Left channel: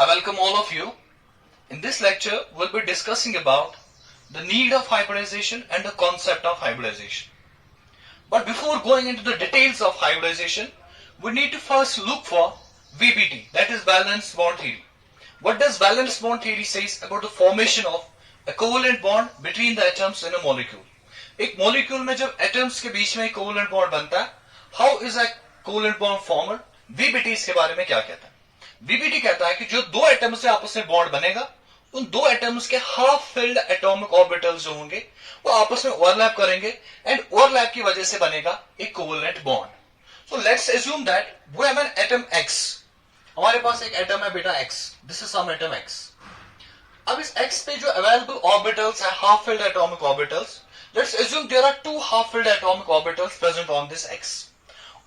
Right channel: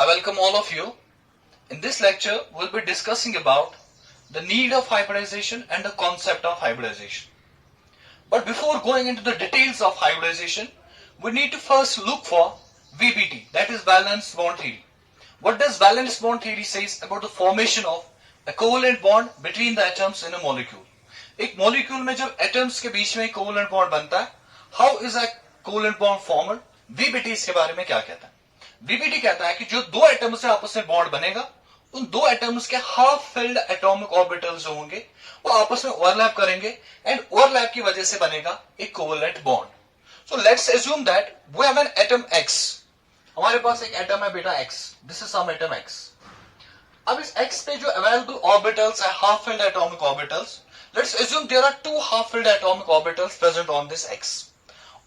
I welcome all of you. In this lecture, we'll be discussing about the need of hybridization and the concept of hybridization. But before going into the details of hybridization, we need to first look for VBT, that is valence bond theory. What does valence bond theory says about the formation of a covalent bond between the atoms in a molecule? एक molecule में जब atoms के बीच में covalent bond बनता है, how is a covalent bond formed? VBT इसके बारे में क्या कहता है? VBT कहता है कि जो दो एटम से आपस में बॉन्ड बनेगा, उन दो एटम्स के हाफ फिल्ड एटॉमिक ऑर्बिटल्स जो होंगे वो आपस में ओवरलैप करेंगे एंड ओवरलैप की वजह से बनेगा एक covalent bond. So let's assume that we have an atom X। हमारे पास एक एटम है बेटा X, this is some atom X। अब इस X पे जो अवेलेबल ऑर्बिटल्स है half filled atomic orbitals, let's assume there are two half filled atomic orbitals present on this X।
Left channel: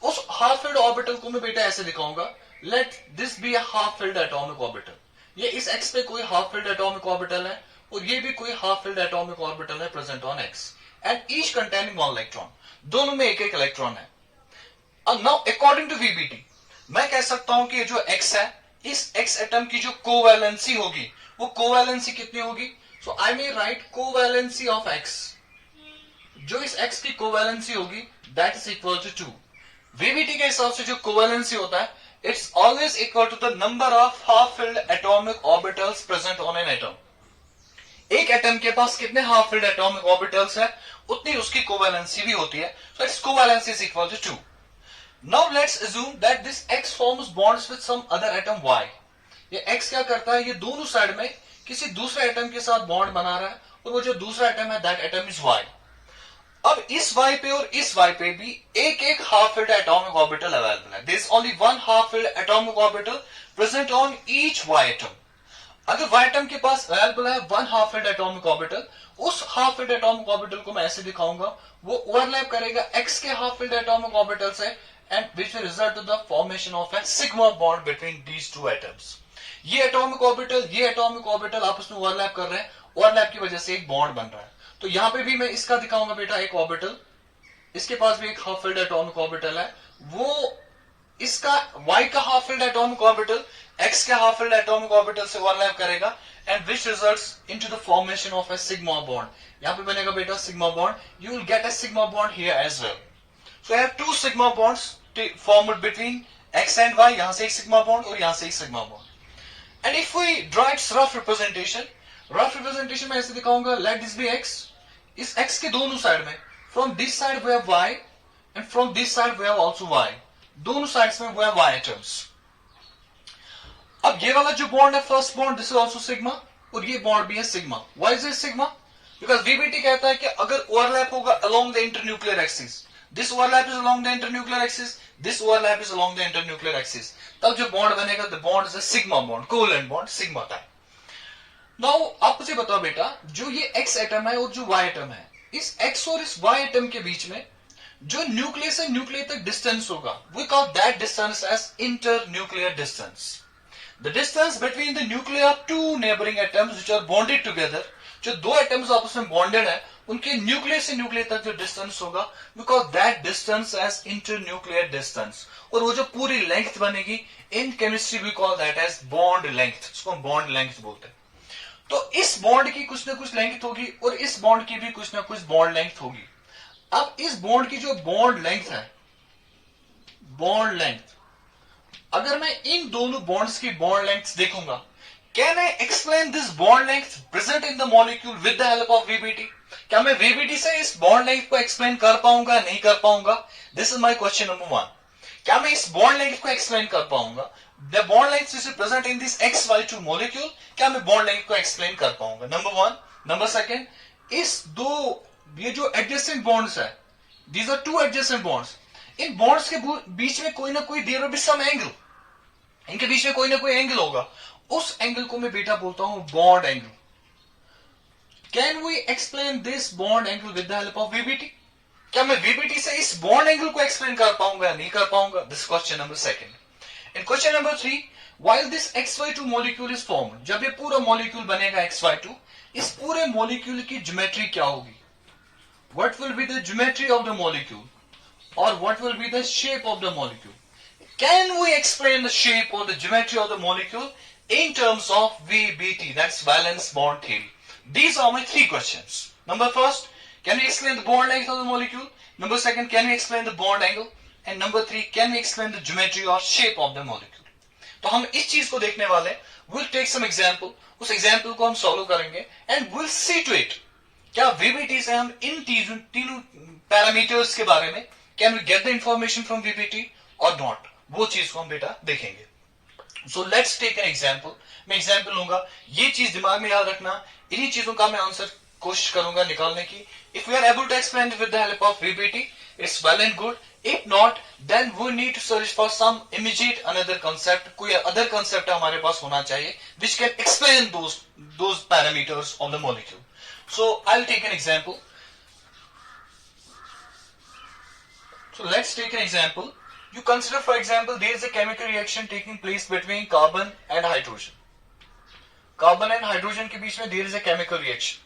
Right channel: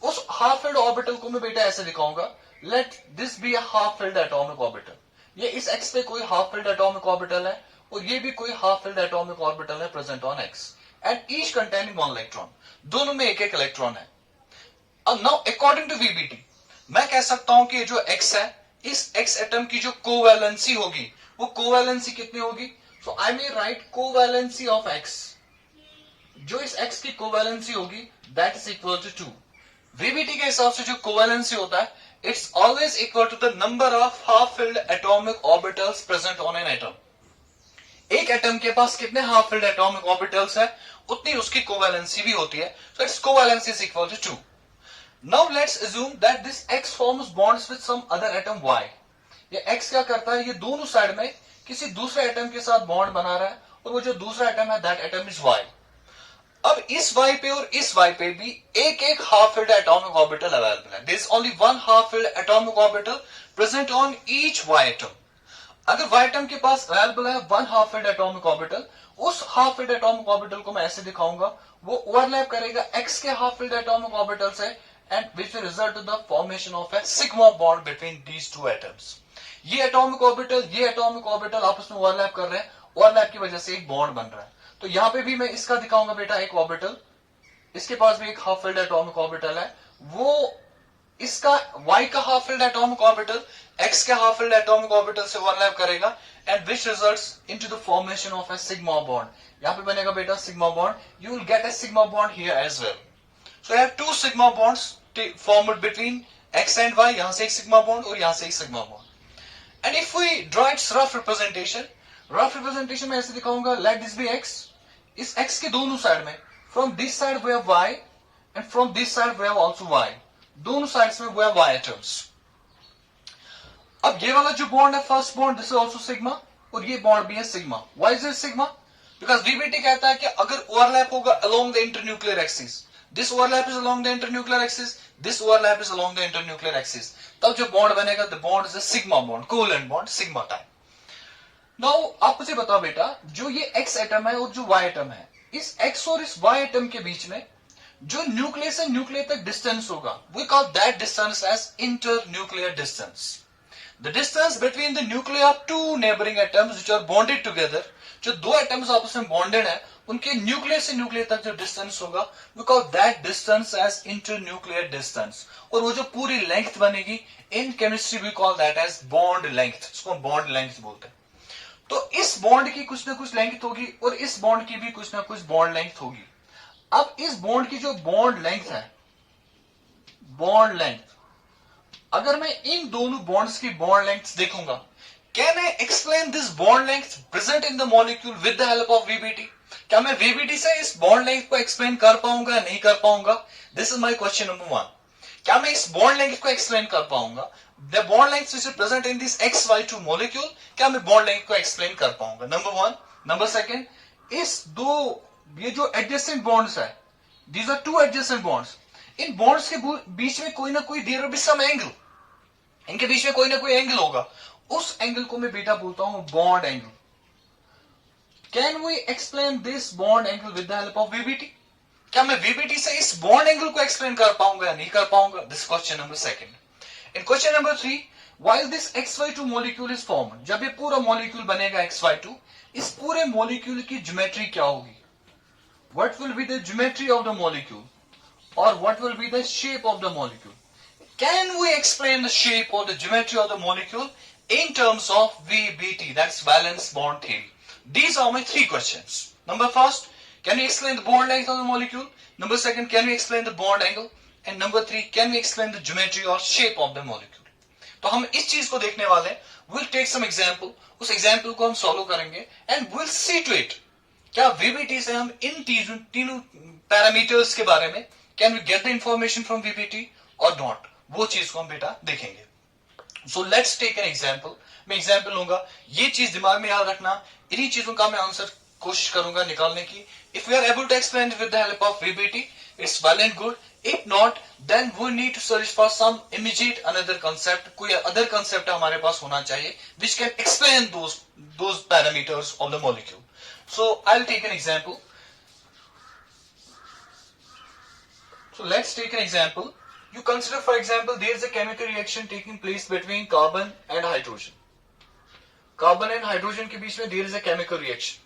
उस हाफ फिल्ड ऑर्बिटल को मैं बेटा ऐसे दिखाऊंगा, let this be a half filled atomic orbital. ये इस X पे कोई हाफ फिल्ड एटॉमिक ऑर्बिटल है और ये भी कोई हाफ फिल्ड एटॉमिक ऑर्बिटल है present on X and each containing one electron. दोनों में एक एक इलेक्ट्रॉन है। अब नाउ अकॉर्डिंग टू VBT मैं कह सकता हूं कि ये जो X है, इस X एटम की जो कोवैलेंसी होगी वो कोवैलेंसी कितनी होगी? So I may write covalency of X, जो इस X की कोवैलेंसी होगी that is equal to 2। VBT के हिसाब से जो कोवैलेंसी होता है, it's always equal to the number of half-filled atomic orbitals present on an atom. एक एटम के पास कितने half-filled atomic orbitals है, उतनी उसकी कोवैलेंसी भी होती है. So its covalence is equal to 2. Now let's assume that this X forms bonds with some other atom Y. ये X क्या करता है, ये दोनों साइड में किसी दूसरे एटम के साथ बॉन्ड बना रहा है और वो जो दूसरा एटम है दैट एटम इज Y. अब इस Y पे और इस Y पे भी एक एक half filled atomic orbital available है। There is only one half filled atomic orbital present on each Y atom. अगर Y एटम के पास अवेलेबल है one half filled atomic orbital, उस हाफ फिल्ड एटॉमिक ऑर्बिटल को मैं ऐसे दिखाऊंगा, वो ओवरलैप करेगा X के हाफ फिल्ड एटॉमिक ऑर्बिटल से and which will result in the formation of a sigma bond between these two atoms. ये एटॉमिक ऑर्बिटल आपस में ओवरलैप कर रहे हैं, ओवरलैप की वजह से एक बॉन्ड बन रहा है। तो यहां पे भी मैं इसका दिखाऊंगा बेटा एक ऑर्बिटल, इसके पास भी एक हाफ फिल्ड एटॉमिक ऑर्बिटल है, वो इसका Y का half filled atomic orbital X के हाफ फिल्ड एटॉमिक ऑर्बिटल से ओवरलैप करेगा and which results into the formation of a sigma bond. यहां पे बनेगा बेटा sigma bond, you will get a sigma bond here as well. So I have two sigma bonds formed between X and Y, यहां से एक sigma bond और यहां से एक sigma bond. And if we draw its rough representation में ऐसे दिखाऊंगा, लेट दिस बी X। इस X के दोनों साइड में, from this side we have Y and from this side we have also Y। दोनों साइड्स में वी हैव Y एटम्स। अब ये वाला जो बॉन्ड है first bond, this is also sigma और ये बॉन्ड भी है sigma. Why is it sigma? Because VBT कहता है कि अगर ओवरलैप होगा along the internuclear axis, this overlap is along the internuclear axis, this overlap is along the internuclear axis, तब जो बॉन्ड बनेगा the bond is a sigma bond, covalent bond sigma type. Now आप मुझे बताओ बेटा, जो ये X एटम है और जो Y एटम है, इस X और इस Y एटम के बीच में जो न्यूक्लियस से न्यूक्लियर तक डिस्टेंस होगा, we call that distance as inter nuclear distance. The distance between the nuclear of two neighbouring atoms which are bonded together, जो दो एटम्स आपस में बॉन्डेड है, उनके न्यूक्लियर से न्यूक्लियर तक जो डिस्टेंस होगा, we call that distance as inter nuclear distance. और वो जो पूरी लेंथ बनेगी, in chemistry we call that as bond length, इसको बॉन्ड लेंथ बोलते हैं। तो इस बॉन्ड की कुछ ना कुछ लेंथ होगी और इस बॉन्ड की भी कुछ ना कुछ बॉन्ड लेंथ होगी। अब इस बॉन्ड की जो बॉन्ड लेंथ है, बॉन्ड लेंथ, अगर मैं इन दोनों बॉन्ड्स की बॉन्ड लेंथ देखूंगा, can I explain this bond length present in the molecule with the help of VBT? क्या मैं VBT से इस बॉन्ड लेंथ को एक्सप्लेन कर पाऊंगा, नहीं कर पाऊंगा? This is my question number 1। क्या मैं इस बॉन्ड लेंथ को एक्सप्लेन कर पाऊंगा? The bond length which is present in this XY2 molecule, क्या मैं बॉन्ड लेंथ को एक्सप्लेन कर पाऊंगा? नंबर 1। नंबर 2, इस दो ये जो एडजेसेंट बॉन्ड्स है, these are two adjacent bonds, in bonds के बीच में कोई ना कोई there will be some angle, इनके बीच में कोई ना कोई एंगल होगा, उस एंगल को मैं बेटा बोलता हूं bond angle. Can we explain this bond angle with the help of VBT? क्या मैं VBT से इस बॉन्ड एंगल को एक्सप्लेन कर पाऊंगा या नहीं कर पाऊंगा? This question number 2। In question number 3, while this XY2 molecule is formed, जब ये पूरा मॉलिक्यूल बनेगा XY2, इस पूरे मॉलिक्यूल की ज्योमेट्री क्या होगी? What will be the geometry of the molecule? Or what will be the shape of the molecule? Can we explain the shape or the geometry of the molecule in terms of VBT, that's valence bond theory. These are my three questions. Number first, can we explain the bond length of the molecule? Number second, can we explain the bond angle? And number three, can we explain the geometry or shape of the molecule? तो हम इस चीज को देखने वाले हैं. We'll take some example. उस example को हम solve करेंगे and we'll see to it. क्या VBT से हम इन तीनों पैरामीटर्स के बारे में can we get the information from VBT or not? वो चीज को हम बेटा देखेंगे. So let's take an example. मैं example लूंगा. ये चीज दिमाग में याद रखना. इन्हीं चीजों का मैं आंसर कोशिश करूंगा निकालने की. If we are able to explain it with the help of VBT, it's well and good. If not, then we need to search for some immediate another concept. कोई other concept हमारे पास होना चाहिए which can explain those parameters of the molecule. So I'll take an example. So let's take an example. You consider, for example, there is a chemical reaction taking place between carbon and hydrogen. Carbon and hydrogen के बीच में there is a chemical reaction.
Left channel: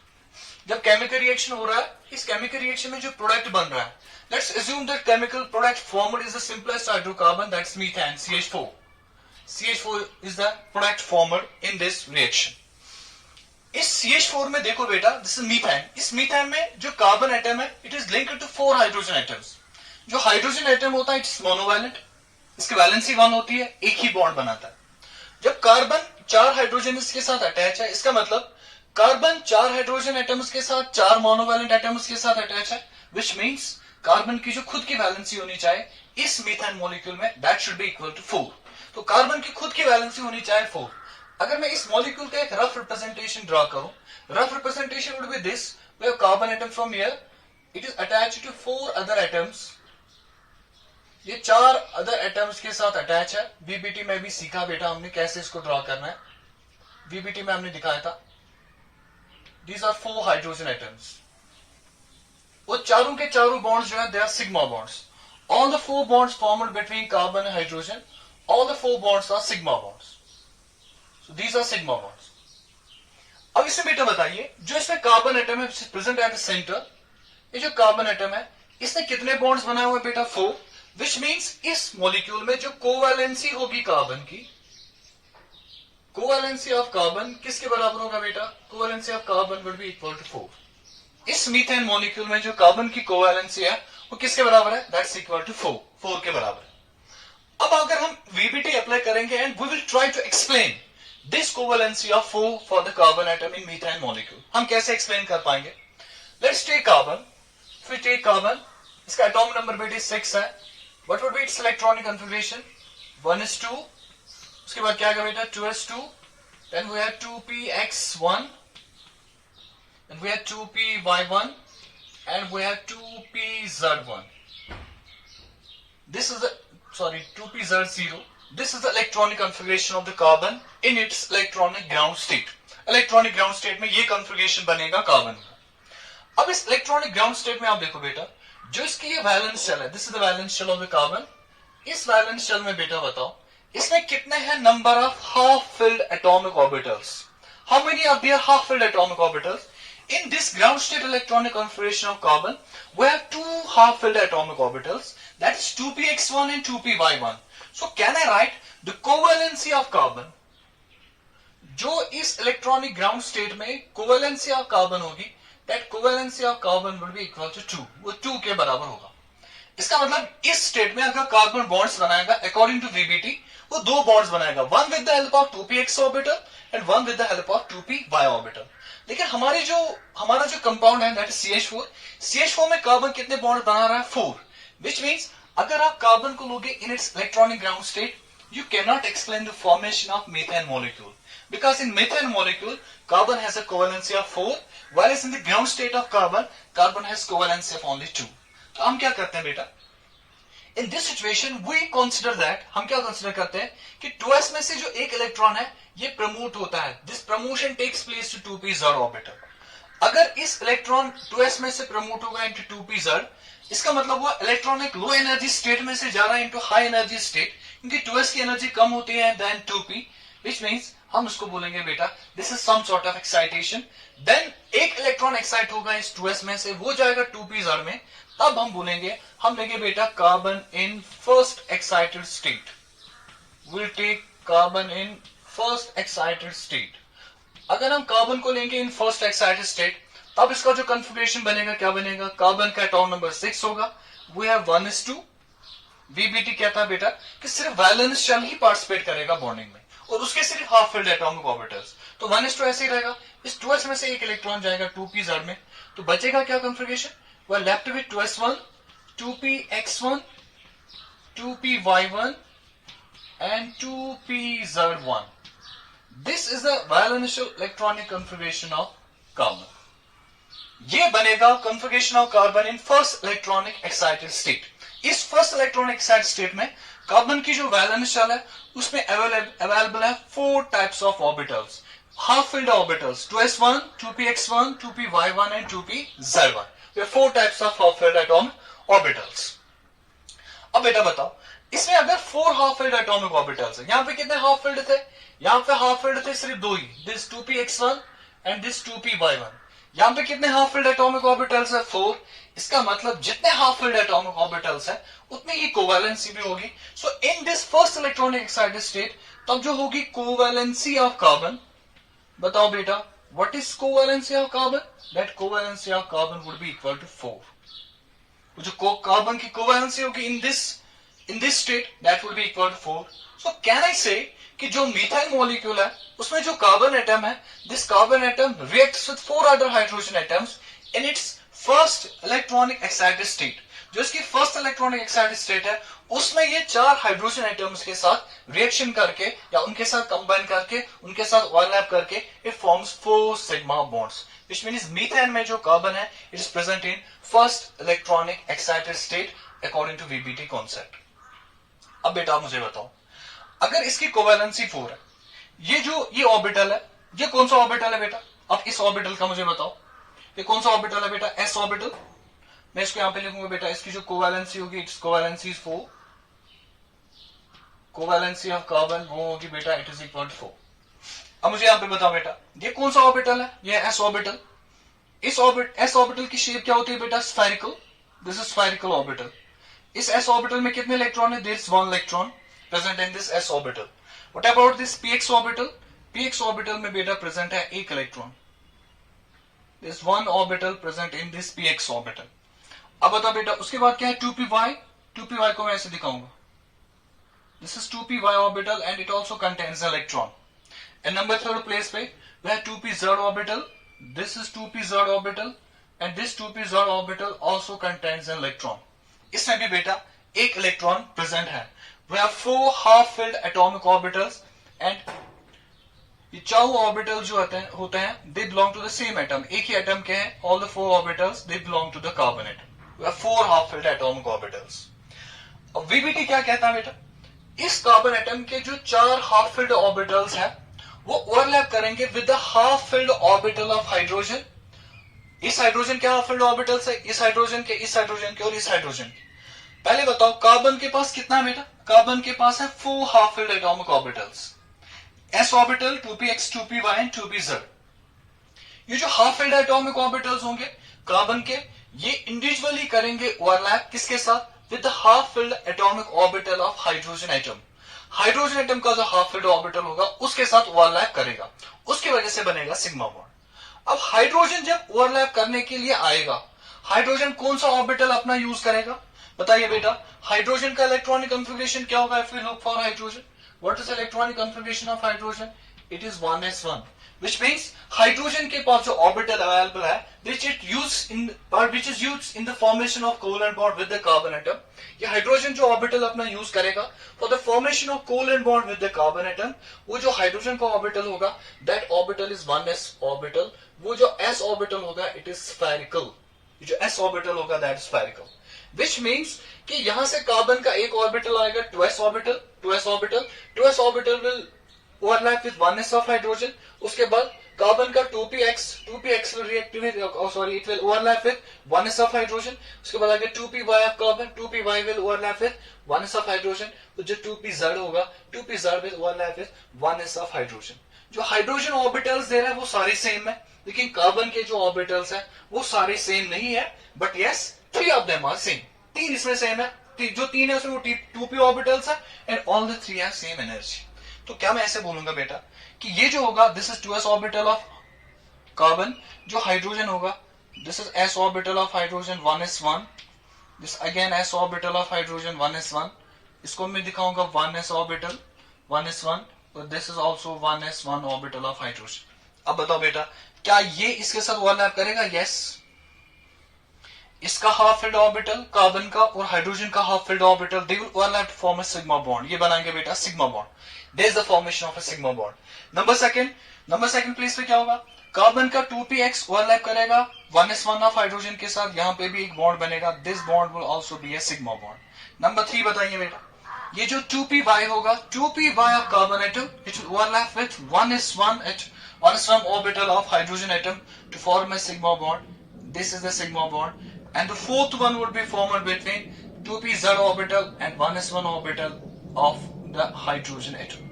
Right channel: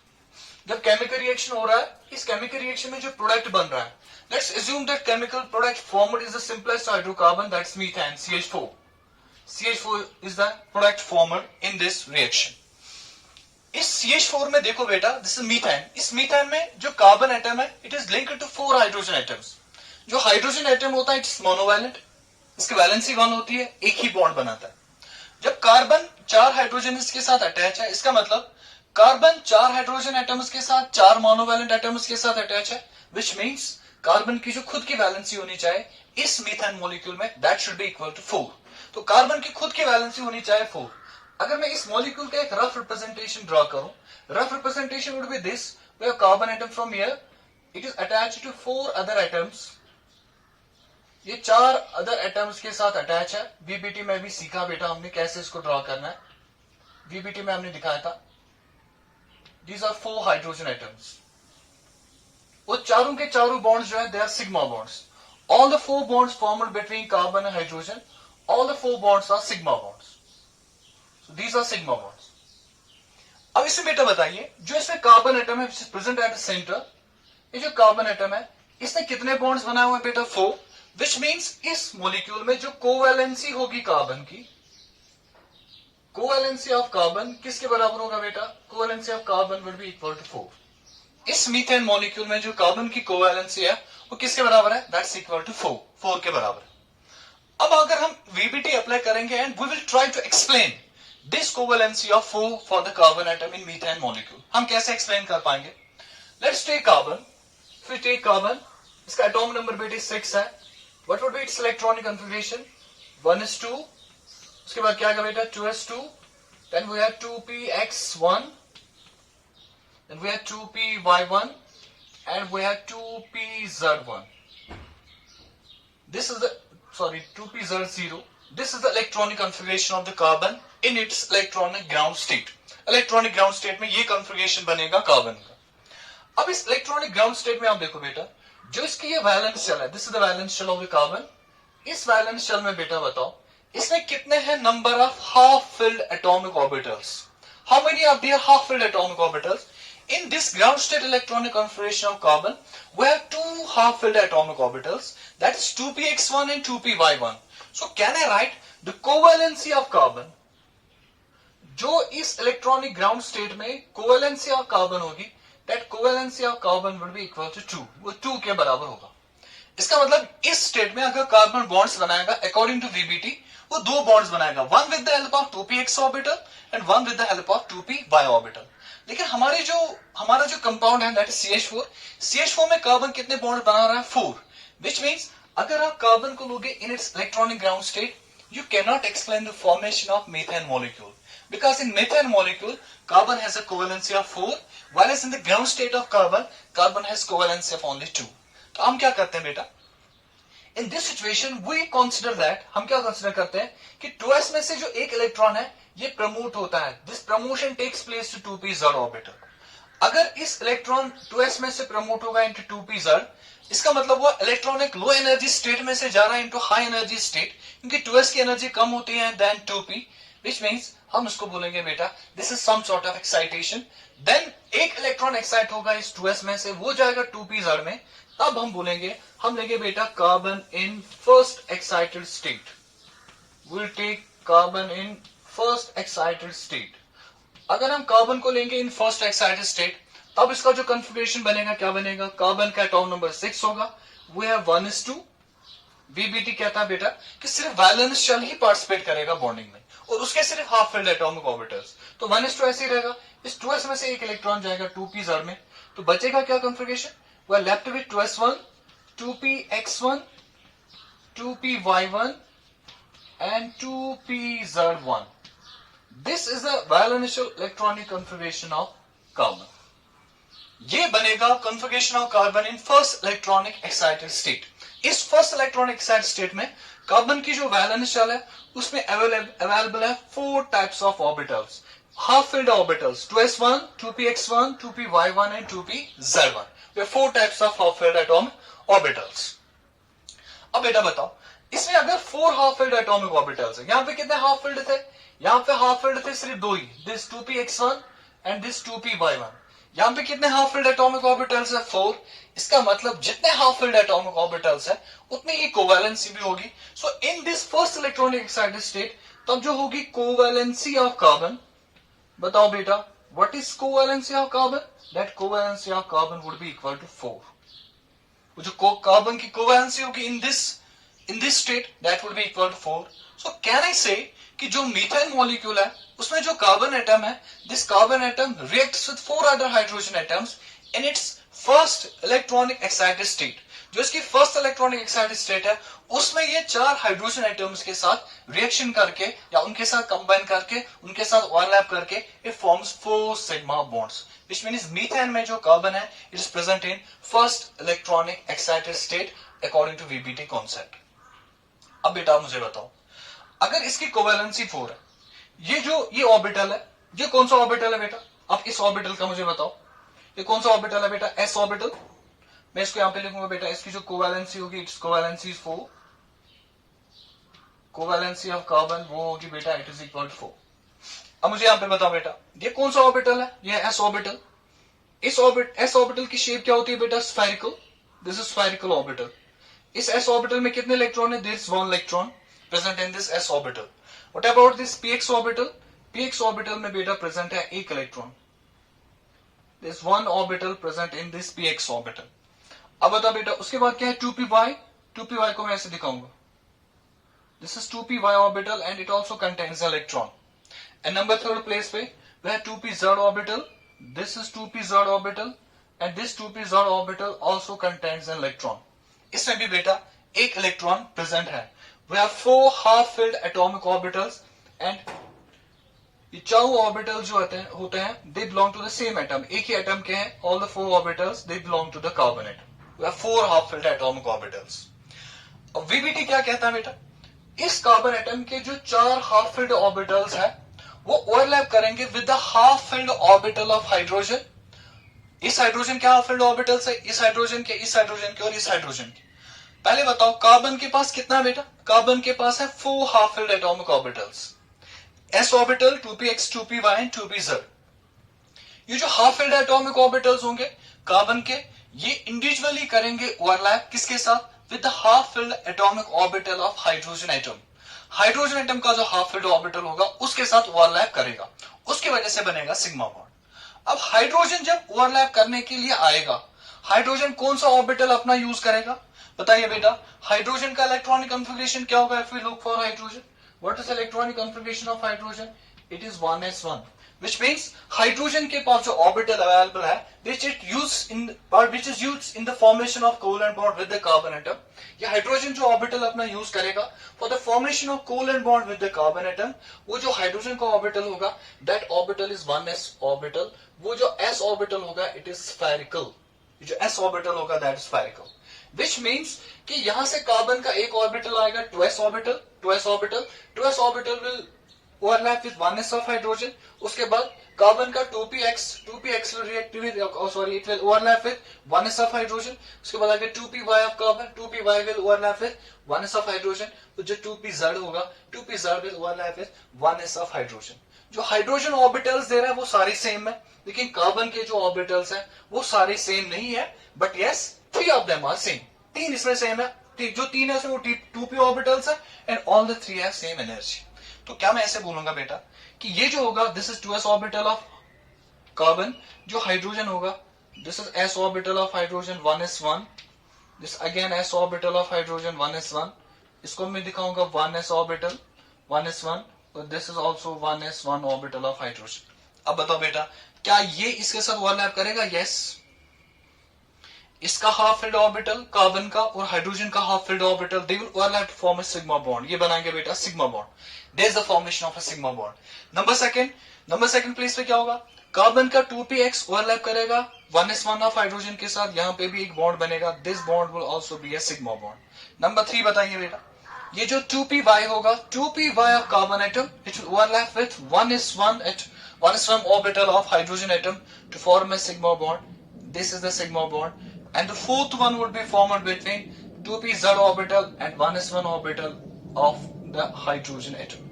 जब chemical reaction हो रहा है, इस chemical reaction में जो product बन रहा है, let's assume that chemical product formed is the simplest hydrocarbon, that's methane, CH4. CH4 is the product formed in this reaction. इस CH4 में देखो बेटा, this is methane. इस methane में जो carbon atom है, it is linked to 4 hydrogen atoms. जो hydrogen atom होता है इट्स मोनोवैलेंट, इसकी वैलेंसी 1 होती है, एक ही बॉन्ड बनाता है. जब कार्बन 4 हाइड्रोजन के साथ अटैच है, इसका मतलब कार्बन 4 हाइड्रोजन एटम्स के साथ 4 मोनोवैलेंट एटम्स के साथ अटैच है, विच मींस कार्बन की जो खुद की वैलेंसी होनी चाहिए इस मीथेन मॉलिक्यूल में that should be equal to 4. तो कार्बन की खुद की वैलेंसी होनी चाहिए 4. अगर मैं इस मॉलिक्यूल का एक रफ रिप्रेजेंटेशन ड्रॉ करूं, rough representation would be this, where carbon atom from here it is attached to 4 other atoms. ये 4 अदर एटम्स के साथ अटैच है. बीबीटी में भी सीखा बेटा हमने कैसे इसको ड्रॉ करना है. बीबीटी में हमने दिखाया था. These are 4 hydrogen atoms. वो चारों के चारों बॉन्ड्स जो है they are sigma bonds. All the 4 bonds formed between carbon and hydrogen, all the 4 bonds are sigma bonds. So these are sigma bonds. अब इसमें बेटा बताइए, जो इसमें कार्बन एटम है प्रेजेंट एट द सेंटर, ये जो कार्बन एटम है इसने कितने बॉन्ड्स बनाए हुए बेटा? 4. Which means इस मॉलिक्यूल में जो कोवैलेंसी होगी कार्बन की, कोवैलेंसी ऑफ कार्बन किसके बराबर होगा बेटा? Covalency of carbon will be equal to 4. इस मीथेन मॉलिक्यूल में जो कार्बन की कोवैलेंसी है वो किसके बराबर है? That's equal to 4. 4 के बराबर है. अब अगर हम VBT अप्लाई करेंगे and we will try to explain this covalency of 4 for the carbon atom in methane molecule, हम कैसे एक्सप्लेन कर पाएंगे? Let's take carbon. फिर टेक कार्बन, इसका एटॉमिक नंबर बेटे 6 है. What would be its electronic configuration? 1s2. उसके बाद क्या आएगा बेटा? 2s2. Then we have 2px1. Then we have 2py1. And we have 2pz1. This is the, 2pz0. This is the electronic configuration of the carbon in its electronic ground state. Electronic ground state में ये configuration बनेगा carbon का. अब इस electronic ground state में आप देखो बेटा, जो इसकी ये वैलेंस शेल है, this is the valence shell of the carbon. इस वैलेंस शेल में बेटा बताओ इसमें कितने हैं number of half filled atomic orbitals? How many are there half filled atomic orbitals? In this ground state electronic configuration of carbon we have 2 half filled atomic orbitals, that is 2px1 and 2py1. So can I write the covalency of carbon? जो इस electronic ground state में covalency of carbon होगी, that covalency of carbon will be equal to 2. वो 2 के बराबर होगा. इसका मतलब इस स्टेट में अगर कार्बन बॉन्ड्स बनाएगा अकॉर्डिंग टू VBT, वो 2 बॉन्ड्स बनाएगा, one with the help of 2px orbital and one with the help of 2py orbital. लेकिन हमारा जो कंपाउंड है दैट इज CH4. CH4 में कार्बन कितने बॉन्ड बना रहा है? 4. विच मीन्स अगर आप कार्बन को लोगे in its electronic ground state, you cannot explain the formation of methane molecule, because in methane molecule carbon has a covalency of 4, whereas in the ground state of carbon has covalency of only 2. तो हम क्या करते हैं बेटा? In this situation we consider that, हम क्या consider करते हैं कि 2s में से जो एक इलेक्ट्रॉन है ये प्रमोट होता है. This promotion takes place to 2pz orbital. अगर इस इलेक्ट्रॉन 2s में से प्रमोट होगा into 2pz, इसका मतलब वो इलेक्ट्रॉनिक लो एनर्जी स्टेट में से जा रहा है इनटू हाई एनर्जी स्टेट, क्योंकि 2s की एनर्जी कम होती है देन 2p, विच मींस हम उसको बोलेंगे बेटा this is some sort of excitation. Then एक इलेक्ट्रॉन एक्साइट होगा इस 2s में से, वो जाएगा 2pz में, तब हम बोलेंगे, हम लेंगे बेटा carbon in first excited state. Will take carbon in first excited state. अगर हम कार्बन को लेंगे इन फर्स्ट एक्साइटेड स्टेट, तब इसका जो कन्फिगरेशन बनेगा क्या बनेगा, कार्बन का एटॉम नंबर 6 होगा, वो है 1s2। वीबीटी कहता है बेटा कि सिर्फ वैलेंस शेल ही पार्टिसिपेट करेगा बॉन्डिंग में और उसके सिर्फ हाफ फिल्ड एटॉमिक ऑर्बिटल्स, तो 1s2 ऐसे ही रहेगा। इस 2s में से एक इलेक्ट्रॉन जाएगा 2p-z में, तो बचेगा क्या configuration, we are left with 2s1, 2px1, 2py1 and 2pz1. This is the valential electronic configuration of carbon. ये बनेगा configuration of carbon in first electronic excited state. इस फर्स्ट इलेक्ट्रॉनिक एक्साइटेड स्टेट में carbon की जो valence shell है उसमें available है 4 types of orbitals, half filled orbitals, 2s1, 2px1, 2py1 and 2pz1। ये 4 types of half filled atomic orbitals. अब बेटा बताओ, इसमें अगर 4 हाफ फिल्ड एटॉमिक ऑर्बिटल्स है, यहां पे कितने हाफ फिल्ड थे, यहां पे हाफ फिल्ड थे सिर्फ 2 ही, this 2px1 and this 2py1। यहां पे कितने हाफ फिल्ड एटॉमिक ऑर्बिटल्स है, 4। इसका मतलब जितने हाफ फिल्ड एटॉमिक ऑर्बिटल्स है उतनी ही कोवैलेंसी भी होगी। So in this first electronic excited state तब जो होगी कोवैलेंसी ऑफ कार्बन, बताओ बेटा what is covalency of carbon, that covalency of carbon would be equal to 4। जो कार्बन की कोवैलेंसी होगी in this state that would be equal to 4। So can I say कि जो मीथेन मॉलिक्यूल है उसमें जो कार्बन एटम है, this carbon atom reacts with 4 other hydrogen atoms in its first electronic excited state. जो इसकी first electronic excited state है उसमें ये 4 हाइड्रोजन एटम्स के साथ रिएक्शन करके या उनके साथ कंबाइन करके उनके साथ ओवरलैप करके it forms 4 sigma bonds, which means methane में जो कार्बन है it is present in first electronic excited state according to VBT concept. अब बेटा मुझे बताओ, अगर इसकी कोवैलेंसी 4 है, ये ऑर्बिटल है, ये कौन सा ऑर्बिटल है बेटा, अब इस ऑर्बिटल का मुझे बताओ, ये कौन सा ऑर्बिटल है बेटा, एस ऑर्बिटल। मैं इसको यहां पे लिखूंगा बेटा, इसकी जो कोवैलेंसी होगी it's covalency 4, covalency of carbon वो होगी बेटा इट इज इक्वल टू 4। अब मुझे यहां पे बताओ बेटा, ये कौन सा ऑर्बिटल है, ये एस ऑर्बिटल। इस एस ऑर्बिटल की शेप क्या होती है बेटा, spherical, this is spherical orbital. इस एस ऑर्बिटल में कितने इलेक्ट्रॉन है, there is 1 electron present in this s orbital. What about this px orbital, px orbital में बेटा प्रेजेंट है 1 electron, there is 1 orbital present in this px orbital. अब बता बेटा उसके बाद क्या है, 2py को मैं ऐसे दिखाऊंगा, this is 2py orbital and it also contains electron. And number 3 place पे वह 2pz orbital, this is 2pz orbital and this 2pz orbital also contains an electron. इसमें भी बेटा 1 इलेक्ट्रॉन प्रेजेंट है। We have 4 half-filled atomic orbitals and ये चारों orbital जो होते हैं they belong to the same atom, एक ही एटम के हैं, all the 4 orbitals they belong to the carbon atom. We have 4 half-filled atomic orbitals. अब वीबीटी क्या कहता है बेटा, इस कार्बन एटम के जो 4 half-filled orbitals है वो ओवरलैप करेंगे with the half-filled orbital of hydrogen. इस हाइड्रोजन के half-filled orbitals है, इस हाइड्रोजन के, इस हाइड्रोजन के और इस हाइड्रोजन के। पहले बताओ कार्बन के पास कितना है बेटा, कार्बन के पास है 4 half filled atomic orbitals, s orbital, 2px, 2py and 2pz। ये जो हाफ फिल्ड एटॉमिक ऑर्बिटल्स होंगे कार्बन के, ये इंडिविजुअली करेंगे ओवरलैप किसके साथ, with the half filled atomic orbital of hydrogen atom. Hydrogen atom का जो हाफ फिल्ड ऑर्बिटल होगा उसके साथ ओवरलैप करेगा, उसकी वजह से बनेगा सिग्मा बॉन्ड। अब हाइड्रोजन जब ओवरलैप करने के लिए आएगा, हाइड्रोजन कौन सा ऑर्बिटल अपना यूज करेगा, बताइए बेटा। हाइड्रोजन का इलेक्ट्रॉनिक कन्फिगरेशन क्या होगा, if we look for hydrogen, what is electronic configuration of hydrogen, it is 1s1, which means hydrogen के पास जो ऑर्बिटल अवेलेबल है which is used in the formation of covalent bond with the carbon atom। ये hydrogen जो orbital अपना use करेगा for the formation of covalent bond with the carbon atom, वो जो हाइड्रोजन का ऑर्बिटल होगा that orbital is 1s orbital, वो जो s ऑर्बिटल होगा इट इज स्फेरिकल, जो s ऑर्बिटल होगा that is spherical. Which means कि यहां से कार्बन का एक ऑर्बिटल आएगा 2s orbital, 2s orbital will overlap with 1s of hydrogen। उसके बाद कार्बन का 2px will react with, it will overlap with 1s of hydrogen। उसके बाद आगे 2py of carbon, 2py will overlap with 1s of hydrogen। तो जो 2pz होगा 2pz will overlap with 1s of hydrogen। जो हाइड्रोजन ऑर्बिटल्स दे रहा है वो सारे सेम है, लेकिन कार्बन के जो ऑर्बिटल्स हैं वो सारे सेम नहीं है, but yes 3 of them are same। 3 इसमें सेम है, जो 3 है उसमें 2p ऑर्बिटल्स है and all the 3 have same energy. तो क्या मैं ऐसे बोलूंगा बेटा कि ये जो होगा this is 2s orbital of carbon, जो हाइड्रोजन होगा this is s orbital of hydrogen 1s1, this again s orbital of hydrogen 1s1, इसको मैं दिखाऊंगा 1s ऑर्बिटल 1s1, और this is also 1s1 orbital of hydrogen. अब बताओ बेटा क्या ये इसके साथ ओवरलैप करेगा? यस। इसका हाफ फिल्ड ऑर्बिटल कार्बन का और हाइड्रोजन का half filled orbital they will overlap to form a sigma bond. ये बनाएंगे बेटा sigma bond. There is the formation of a sigma bond. Number second place पे क्या होगा? कार्बन का 2px ओवरलैप करेगा 1s1 ऑफ हाइड्रोजन के साथ, यहां पे भी एक बॉन्ड बनेगा, this bond will also be a sigma bond. Number 3 बताइए बेटा, ये जो 2py होगा 2py of carbon atom it will overlap with 1s1 orbital of hydrogen atom to form a sigma bond, this is the sigma bond, and the fourth one would be formed between 2pz orbital and 1s1 orbital of the hydrogen atom.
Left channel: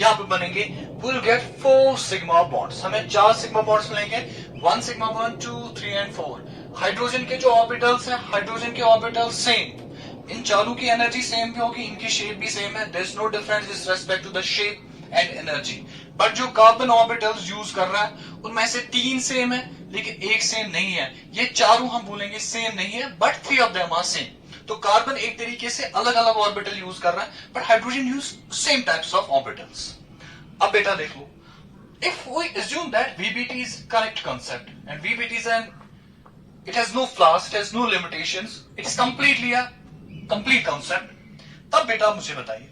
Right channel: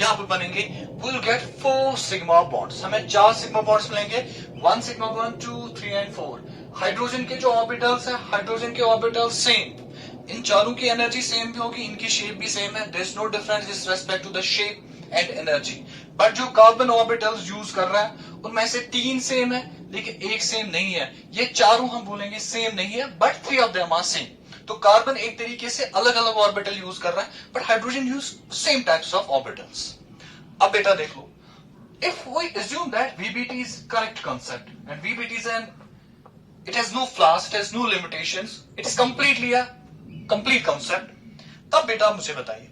यहां पे बनेंगे we'll get 4 sigma bonds, हमें 4 sigma bonds मिलेंगे, 1 sigma bond 2 3 and 4। Hydrogen के जो orbitals हैं, hydrogen के orbital same, इन चारों की एनर्जी सेम भी होगी, इनकी शेप भी सेम है, there is no difference with respect to the shape and energy. But जो कार्बन ऑर्बिटल्स यूज कर रहा है उनमें से 3 सेम है लेकिन एक सेम नहीं है, ये चारों हम बोलेंगे सेम नहीं है, but 3 of them are same. तो कार्बन एक तरीके से अलग अलग ऑर्बिटल यूज कर रहा है, but hydrogen use same types of orbitals. अब बेटा देख लो, if we assume that VBT is correct concept and VBT is it has no flaws, it has no limitations, it is completely a complete concept, तब बेटा मुझे बताइए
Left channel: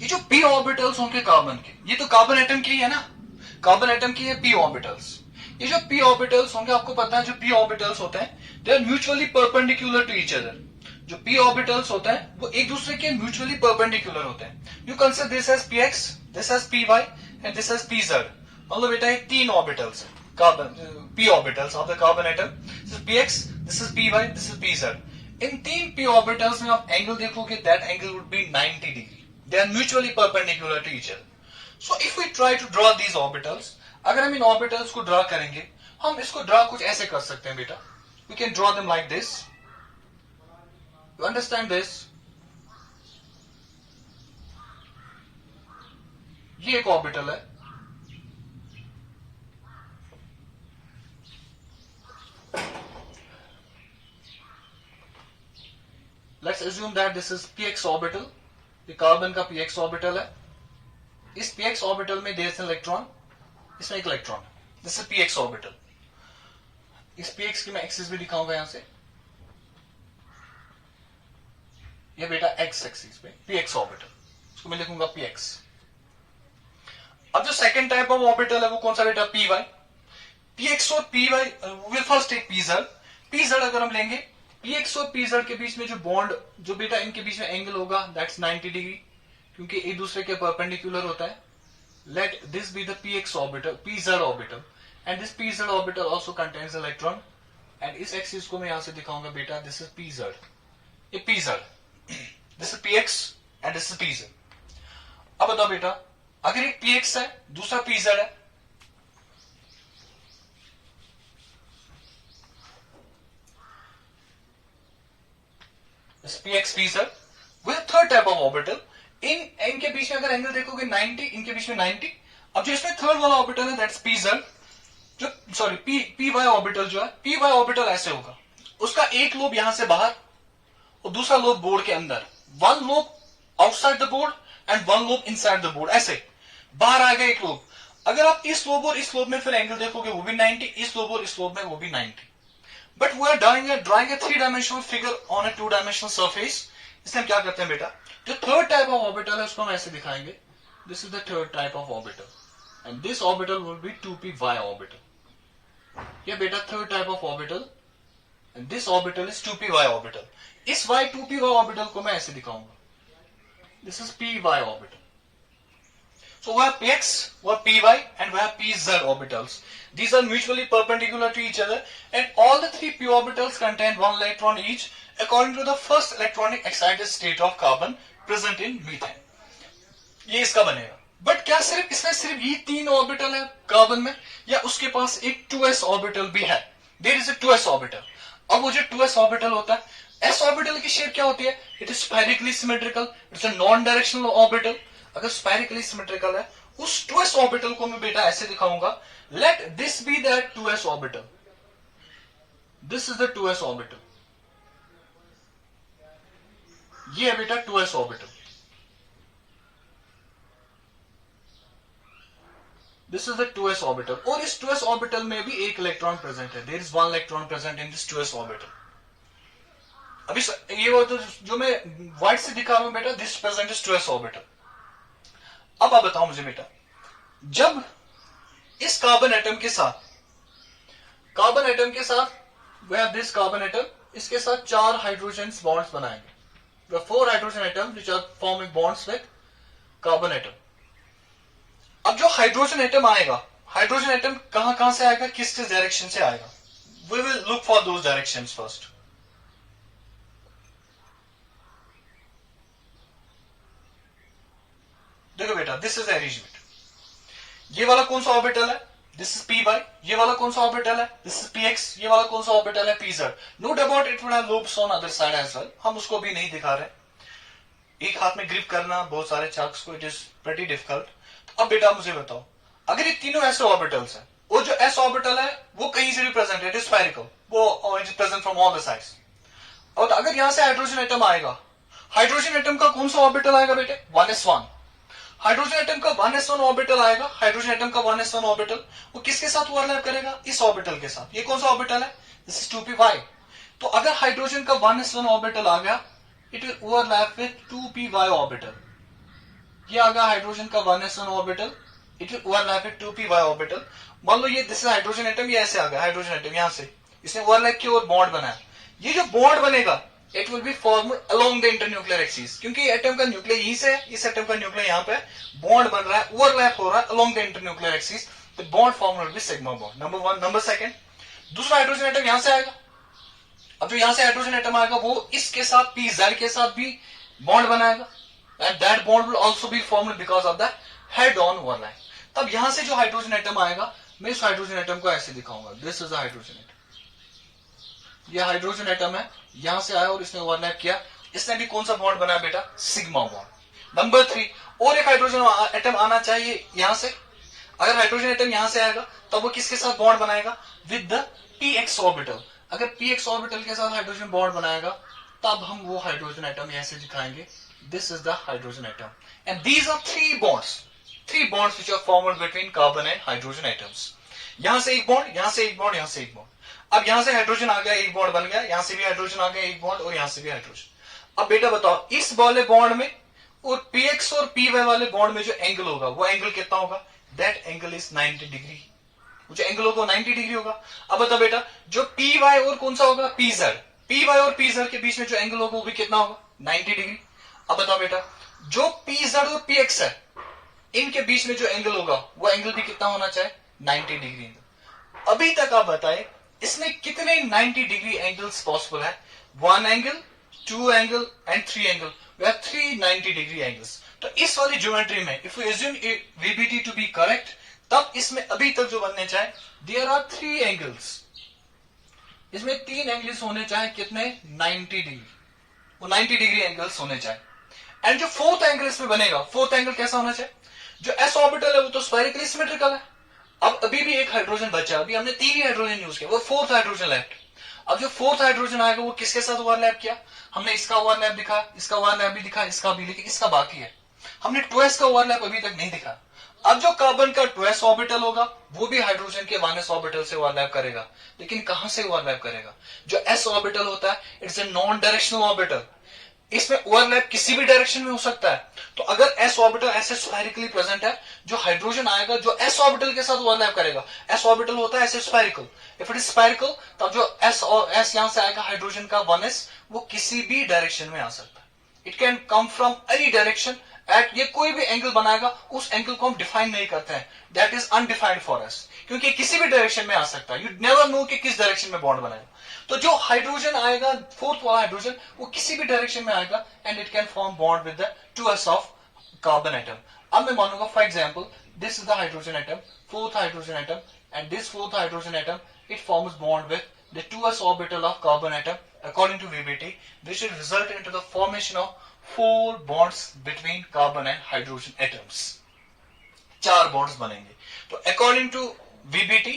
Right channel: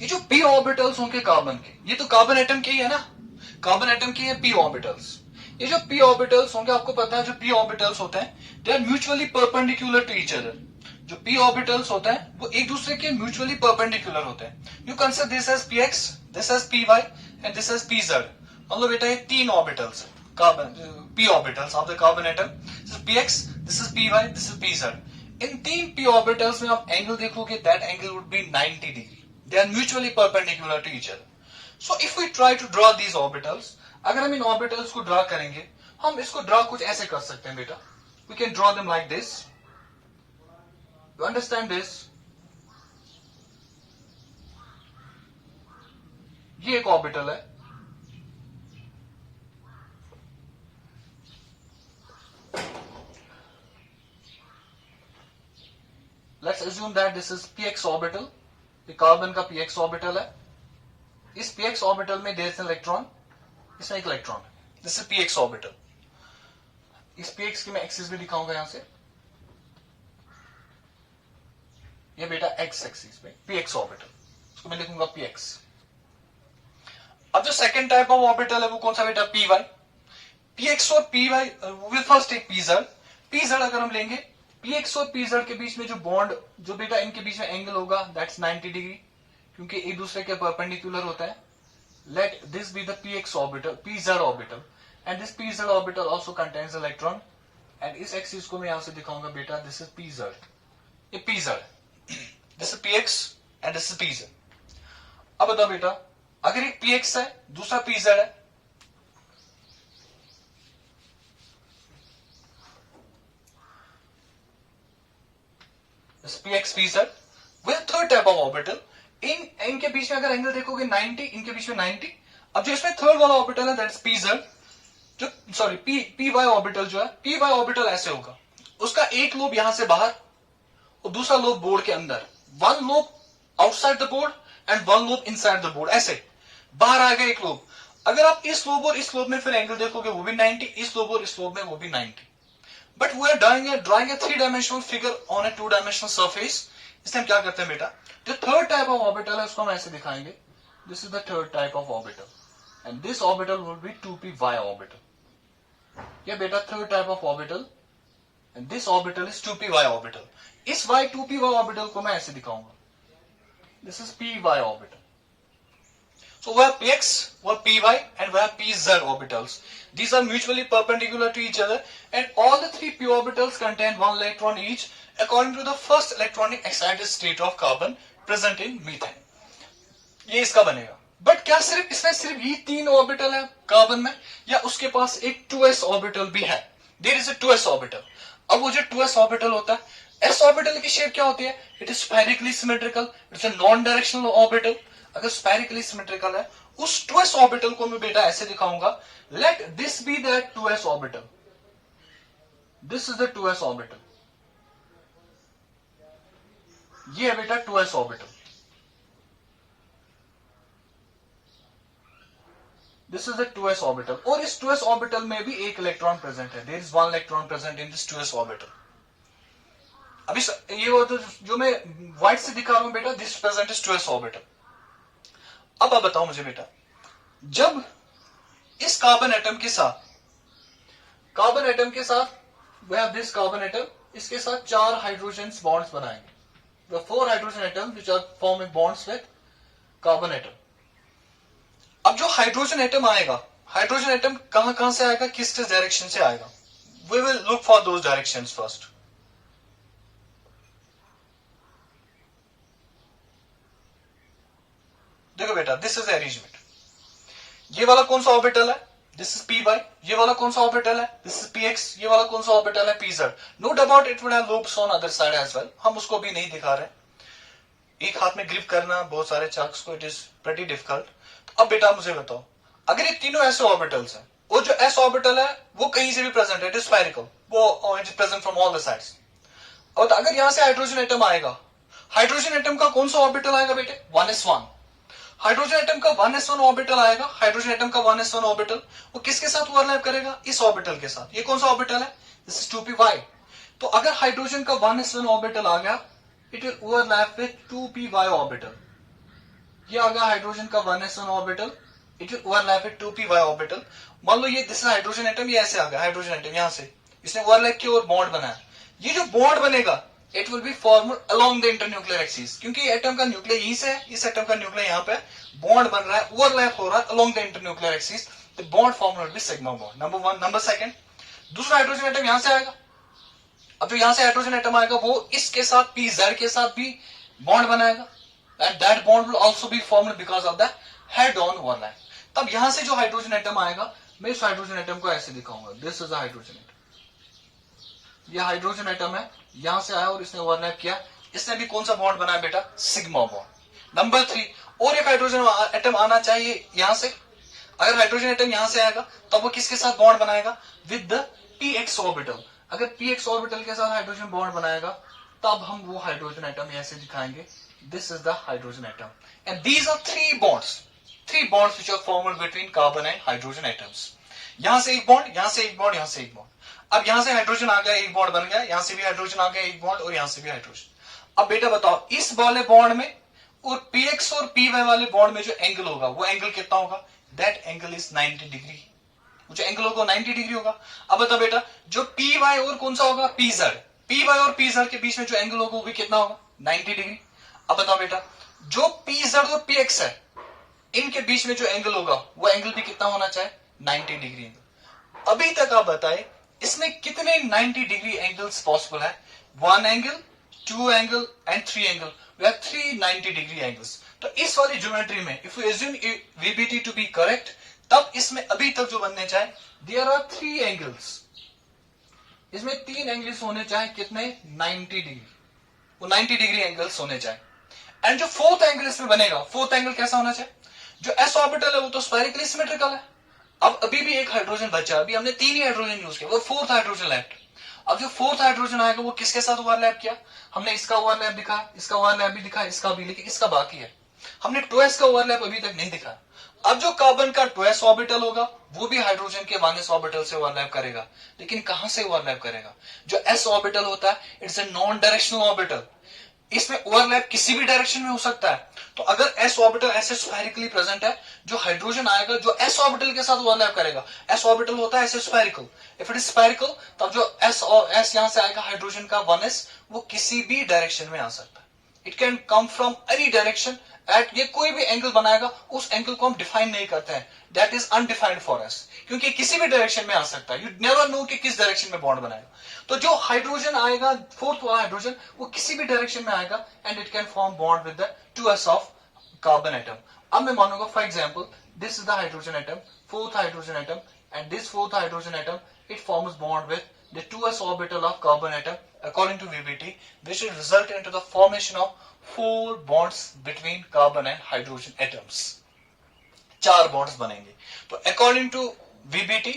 ये जो p orbitals होंगे कार्बन के, ये तो कार्बन एटम के ही है ना, कार्बन एटम के है p ऑर्बिटल्स। ये जो p ऑर्बिटल्स होंगे, आपको पता है जो p ऑर्बिटल्स होते हैं they are mutually perpendicular to each other. जो p ऑर्बिटल्स होते हैं वो एक दूसरे के म्यूचुअली परपेंडिकुलर होते हैं। You consider this as px, this as py and this as pz। मतलब बेटा ये 3 orbitals carbon p orbitals of the carbon atom, this is px, this is py, this is pz। इन 3 p orbitals में आप angle देखोगे, that angle would be 90 degree. They are mutually perpendicular to each other. So if we try to draw these orbitals, अगर हम इन orbitals को draw करेंगे, हम इसको ड्रा कुछ ऐसे कर सकते हैं बेटा, we can draw them like this. You understand this? ये एक ऑर्बिटल है, let's assume that this is px orbital, ये कार्बन का px ऑर्बिटल है। इस px ऑर्बिटल में देयर इज एन इलेक्ट्रॉन, इसमें एक electron, this is px orbital. इस px की मैं एक्सिस भी दिखाऊंगा यहां से, ये बेटा x एक्सिस पे px ऑर्बिटल, इसको मैं लिखूंगा px। अब जो सेकंड टाइप ऑफ ऑर्बिटल है वो कौन सा बेटा? py। px और py will first take pz। pz अगर हम लेंगे, px और pz के बीच में जो बॉन्ड, जो बेटा इनके बीच में एंगल होगा दैट्स 90 डिग्री, क्योंकि एक दूसरे के परपेंडिकुलर होता है। Late this be the px orbital, pz orbital, and this pz orbital also contains electron, and इस एक्सिस को मैं यहां से दिखाऊंगा बेटा, दिस इज pz, ये pz, this is px and this is pz। अब बताओ बेटा, अगर एक px है दूसरा pz है, px pz with third type of orbital, इनके बीच में अगर एंगल देखोगे 90, इनके बीच में 90। अब जो इसमें थर्ड वाला ऑर्बिटल है दैट्स pz, जो सॉरी py ऑर्बिटल जो है, py ऑर्बिटल ऐसे होगा, उसका एक लोब यहां से बाहर और दूसरा लोब बोर्ड के अंदर, one lobe outside the board and one lobe inside the board, ऐसे बाहर आएगा एक लोब। अगर आप इस लोब और इस लोब में फिर एंगल देखोगे वो भी 90, इस लोब और इस लोब में वो भी 90। But we are drawing a 3-dimensional figure on a 2-dimensional surface. इसलिए हम क्या करते हैं बेटा, जो थर्ड टाइप ऑफ ऑर्बिटल है उसको हम ऐसे दिखाएंगे, this is the third type of orbital and this orbital will be 2py orbital. ये बेटा third type of orbital and this orbital is 2py orbital. इस 2py ऑर्बिटल को मैं ऐसे दिखाऊंगा, this is py orbital. So we have px, we have py, and we have pz orbitals. These are mutually perpendicular to each other, and all the 3 p orbitals contain 1 electron each, according to the first electronic excited state of carbon present in methane. ये इसका बनेगा। But क्या सिर्फ इसमें सिर्फ ये 3 orbital है carbon में, या उसके पास एक 2s ऑर्बिटल भी है? There is a 2s orbital. अब वो जो 2s ऑर्बिटल होता है, s ऑर्बिटल की शेप क्या होती है? It is spherically symmetrical, it's a non directional orbital. अगर स्पेरिकली सिमेट्रिकल है, उस 2s ऑर्बिटल को मैं बेटा ऐसे दिखाऊंगा, let this be that 2s orbital, this is the 2s orbital, ये है बेटा 2s orbital, this is the 2s orbital, और इस 2s ऑर्बिटल में भी एक इलेक्ट्रॉन प्रेजेंट है, there is one electron present in this 2s orbital. अभी ये वो तो जो मैं व्हाइट से दिखा रहा हूं बेटा, this present is 2s orbital. अब आप बताओ मुझे बेटा, जब इस कार्बन एटम के साथ we have this carbon atom, इसके साथ 4 हाइड्रोजन बॉन्ड्स बनाएंगे, वे 4 hydrogen atom which are forming bonds with carbon atom. अब जो हाइड्रोजन एटम आएगा, हाइड्रोजन एटम कहां से आएगा, किस डायरेक्शन से आएगा, we will look for those directions first. देखो बेटा, दिस इज अरेंजमेंट, ये वाला कौन सा ऑर्बिटल है, दिस इज पी वाई, ये वाला कौन सा ऑर्बिटल है, दिस इज पी एक्स, ये वाला कौन सा ऑर्बिटल है, p z. No doubt it would have loops on other side as well, हम उसको भी नहीं दिखा रहे, एक हाथ में ग्रिप करना बहुत सारे चार्ट्स को, इट इज प्रेटी डिफिकल्ट। तो अब बेटा मुझे बताओ, अगर ये तीनों ऐसे ऑर्बिटल्स हैं, वो जो एस ऑर्बिटल है वो कहीं से भी प्रेजेंट है, इट इज स्फेरिकल, वो it is present from all the sides. और तो अगर यहां से हाइड्रोजन एटम आएगा, हाइड्रोजन एटम का कौन सा ऑर्बिटल आएगा बेटे, 1s1, हाइड्रोजन एटम का 1s1 ऑर्बिटल आएगा, हाइड्रोजन एटम का 1s1 ऑर्बिटल वो किसके साथ ओवरलैप करेगा, इस ऑर्बिटल के साथ। ये कौन सा ऑर्बिटल है, दिस इज 2py। तो अगर हाइड्रोजन का 1s1 ऑर्बिटल आ गया, it will overlap with 2py orbital. ये आ गया हाइड्रोजन का 1s1 orbital, it will overlap with 2py orbital. मान लो ये दिस इज हाइड्रोजन एटम, ये ऐसे आ गया हाइड्रोजन एटम, यहां से इसने ओवरलैप किया और बॉन्ड बनाया। ये जो बॉन्ड बनेगा, it will be formed along the internuclear axis, क्योंकि एटम का न्यूक्लियर यहीं से है, इस एटम का न्यूक्लियर यहां पे, बॉन्ड बन रहा है, ओवरलैप हो रहा है along the internuclear axis, the bond form will B sigma bond, number 1। Number 2, दूसरा हाइड्रोजन एटम यहां से आएगा। अब जो यहां से हाइड्रोजन एटम आएगा, वो इसके साथ पी जेड के साथ भी बॉन्ड बनाएगा, and that bond will also be formed because of the head on overlap. तब यहां से जो हाइड्रोजन एटम आएगा, मैं इस हाइड्रोजन एटम को ऐसे दिखाऊंगा, this is a hydrogen atom, ये हाइड्रोजन एटम है, यहां से आया और इसने ओवरलैप किया, इसने भी कौन सा बॉन्ड बनाया बेटा, सिग्मा बॉन्ड। नंबर 3, और एक हाइड्रोजन एटम आना चाहिए यहां से, अगर हाइड्रोजन एटम यहां से आएगा तब वो किसके साथ बॉन्ड बनाएगा, विद द px ऑर्बिटल। अगर px ऑर्बिटल के साथ हाइड्रोजन बॉन्ड बनाएगा, तब हम वो हाइड्रोजन एटम ऐसे दिखाएंगे, this is the hydrogen atom, and these are 3 bonds which are formed between carbon and hydrogen atoms. यहां से एक बॉन्ड, यहां से एक बॉन्ड, यहां से एक बॉन्ड। अब यहां से हाइड्रोजन आ गया, एक बॉन्ड बन गया, यहां से भी हाइड्रोजन आ गया, एक बॉन्ड, और यहां से भी हाइड्रोजन। अब बेटा बताओ, इस वाले बॉन्ड में और px और py वाले बॉन्ड में जो एंगल होगा, वो एंगल कितना होगा, दैट एंगल इज 90 डिग्री, वो जो एंगल होगा 90 डिग्री होगा। अब बताओ बेटा, जो py और कौन सा होगा, py और pz के बीच में जो एंगल होगा वो भी कितना होगा, 90 डिग्री। अब बताओ बेटा, जो pz और px है, इनके बीच में जो एंगल होगा, वो एंगल भी कितना होना चाहिए, 90 डिग्री एंगल। अभी तक आप बताए इसमें कितने 90 डिग्री एंगल्स पॉसिबल है, 1 एंगल, 2 एंगल एंड 3 एंगल, वे आर 3 90 डिग्री एंगल्स। तो इस वाली ज्योमेट्री में if you assume VBT to be correct, तब इसमें अभी तक जो बनने चाहे, देयर आर 3 एंगल्स, इसमें 3 एंगल्स होने चाहे, कितने, 90 डिग्री, वो 90 डिग्री एंगल्स होने चाहे। एंड जो फोर्थ एंगल इसमें बनेगा, फोर्थ एंगल कैसा होना चाहिए, जो एस ऑर्बिटल है वो तो स्फेरिकली सिमेट्रिकल है। अब अभी भी एक हाइड्रोजन बचा, अभी हमने 3 ही हाइड्रोजन यूज किया, वो फोर्थ हाइड्रोजन लेफ्ट। अब जो फोर्थ हाइड्रोजन आएगा वो किसके साथ ओवरलैप किया, हमने इसका ओवरलैप दिखा, इसका ओवरलैप भी दिखा, इसका भी, लेकिन इसका बाकी है, हमने 2s का ओवरलैप अभी तक नहीं दिखा। अब जो कार्बन का 2s ऑर्बिटल होगा, वो भी हाइड्रोजन के 1s ऑर्बिटल से ओवरलैप करेगा, लेकिन कहां से ओवरलैप करेगा, जो s ऑर्बिटल होता है, it's a non directional orbital, इसमें ओवरलैप किसी भी डायरेक्शन में हो सकता है। तो अगर s ऑर्बिटल ऐसे स्फेरिकली प्रेजेंट है, जो हाइड्रोजन आएगा जो s ऑर्बिटल के साथ ओवरलैप करेगा, s ऑर्बिटल होता है ऐसे spherical, if it is spherical, तब जो s यहां से आएगा हाइड्रोजन का 1s, वो किसी भी डायरेक्शन में आ सकता है, it can come from any direction at, ये कोई भी एंगल बनाएगा, उस एंगल को हम डिफाइन नहीं करते हैं, that is undefined for us, क्योंकि किसी भी डायरेक्शन में आ सकता है, यू नेवर नो कि किस डायरेक्शन में बॉन्ड बनाएगा। तो जो हाइड्रोजन आएगा, फोर्थ वाला हाइड्रोजन, वो किसी भी डायरेक्शन में आएगा, and it can form bond with the 2s of carbon atom. अब मैं मानूंगा for example, this is the hydrogen atom, fourth hydrogen atom, and this fourth hydrogen atom, it forms bond with the 2s orbital of carbon atom. According to VBT, this should result into the formation of 4 bonds between carbon and hydrogen atoms. 4 bonds बनेंगे. तो according to VBT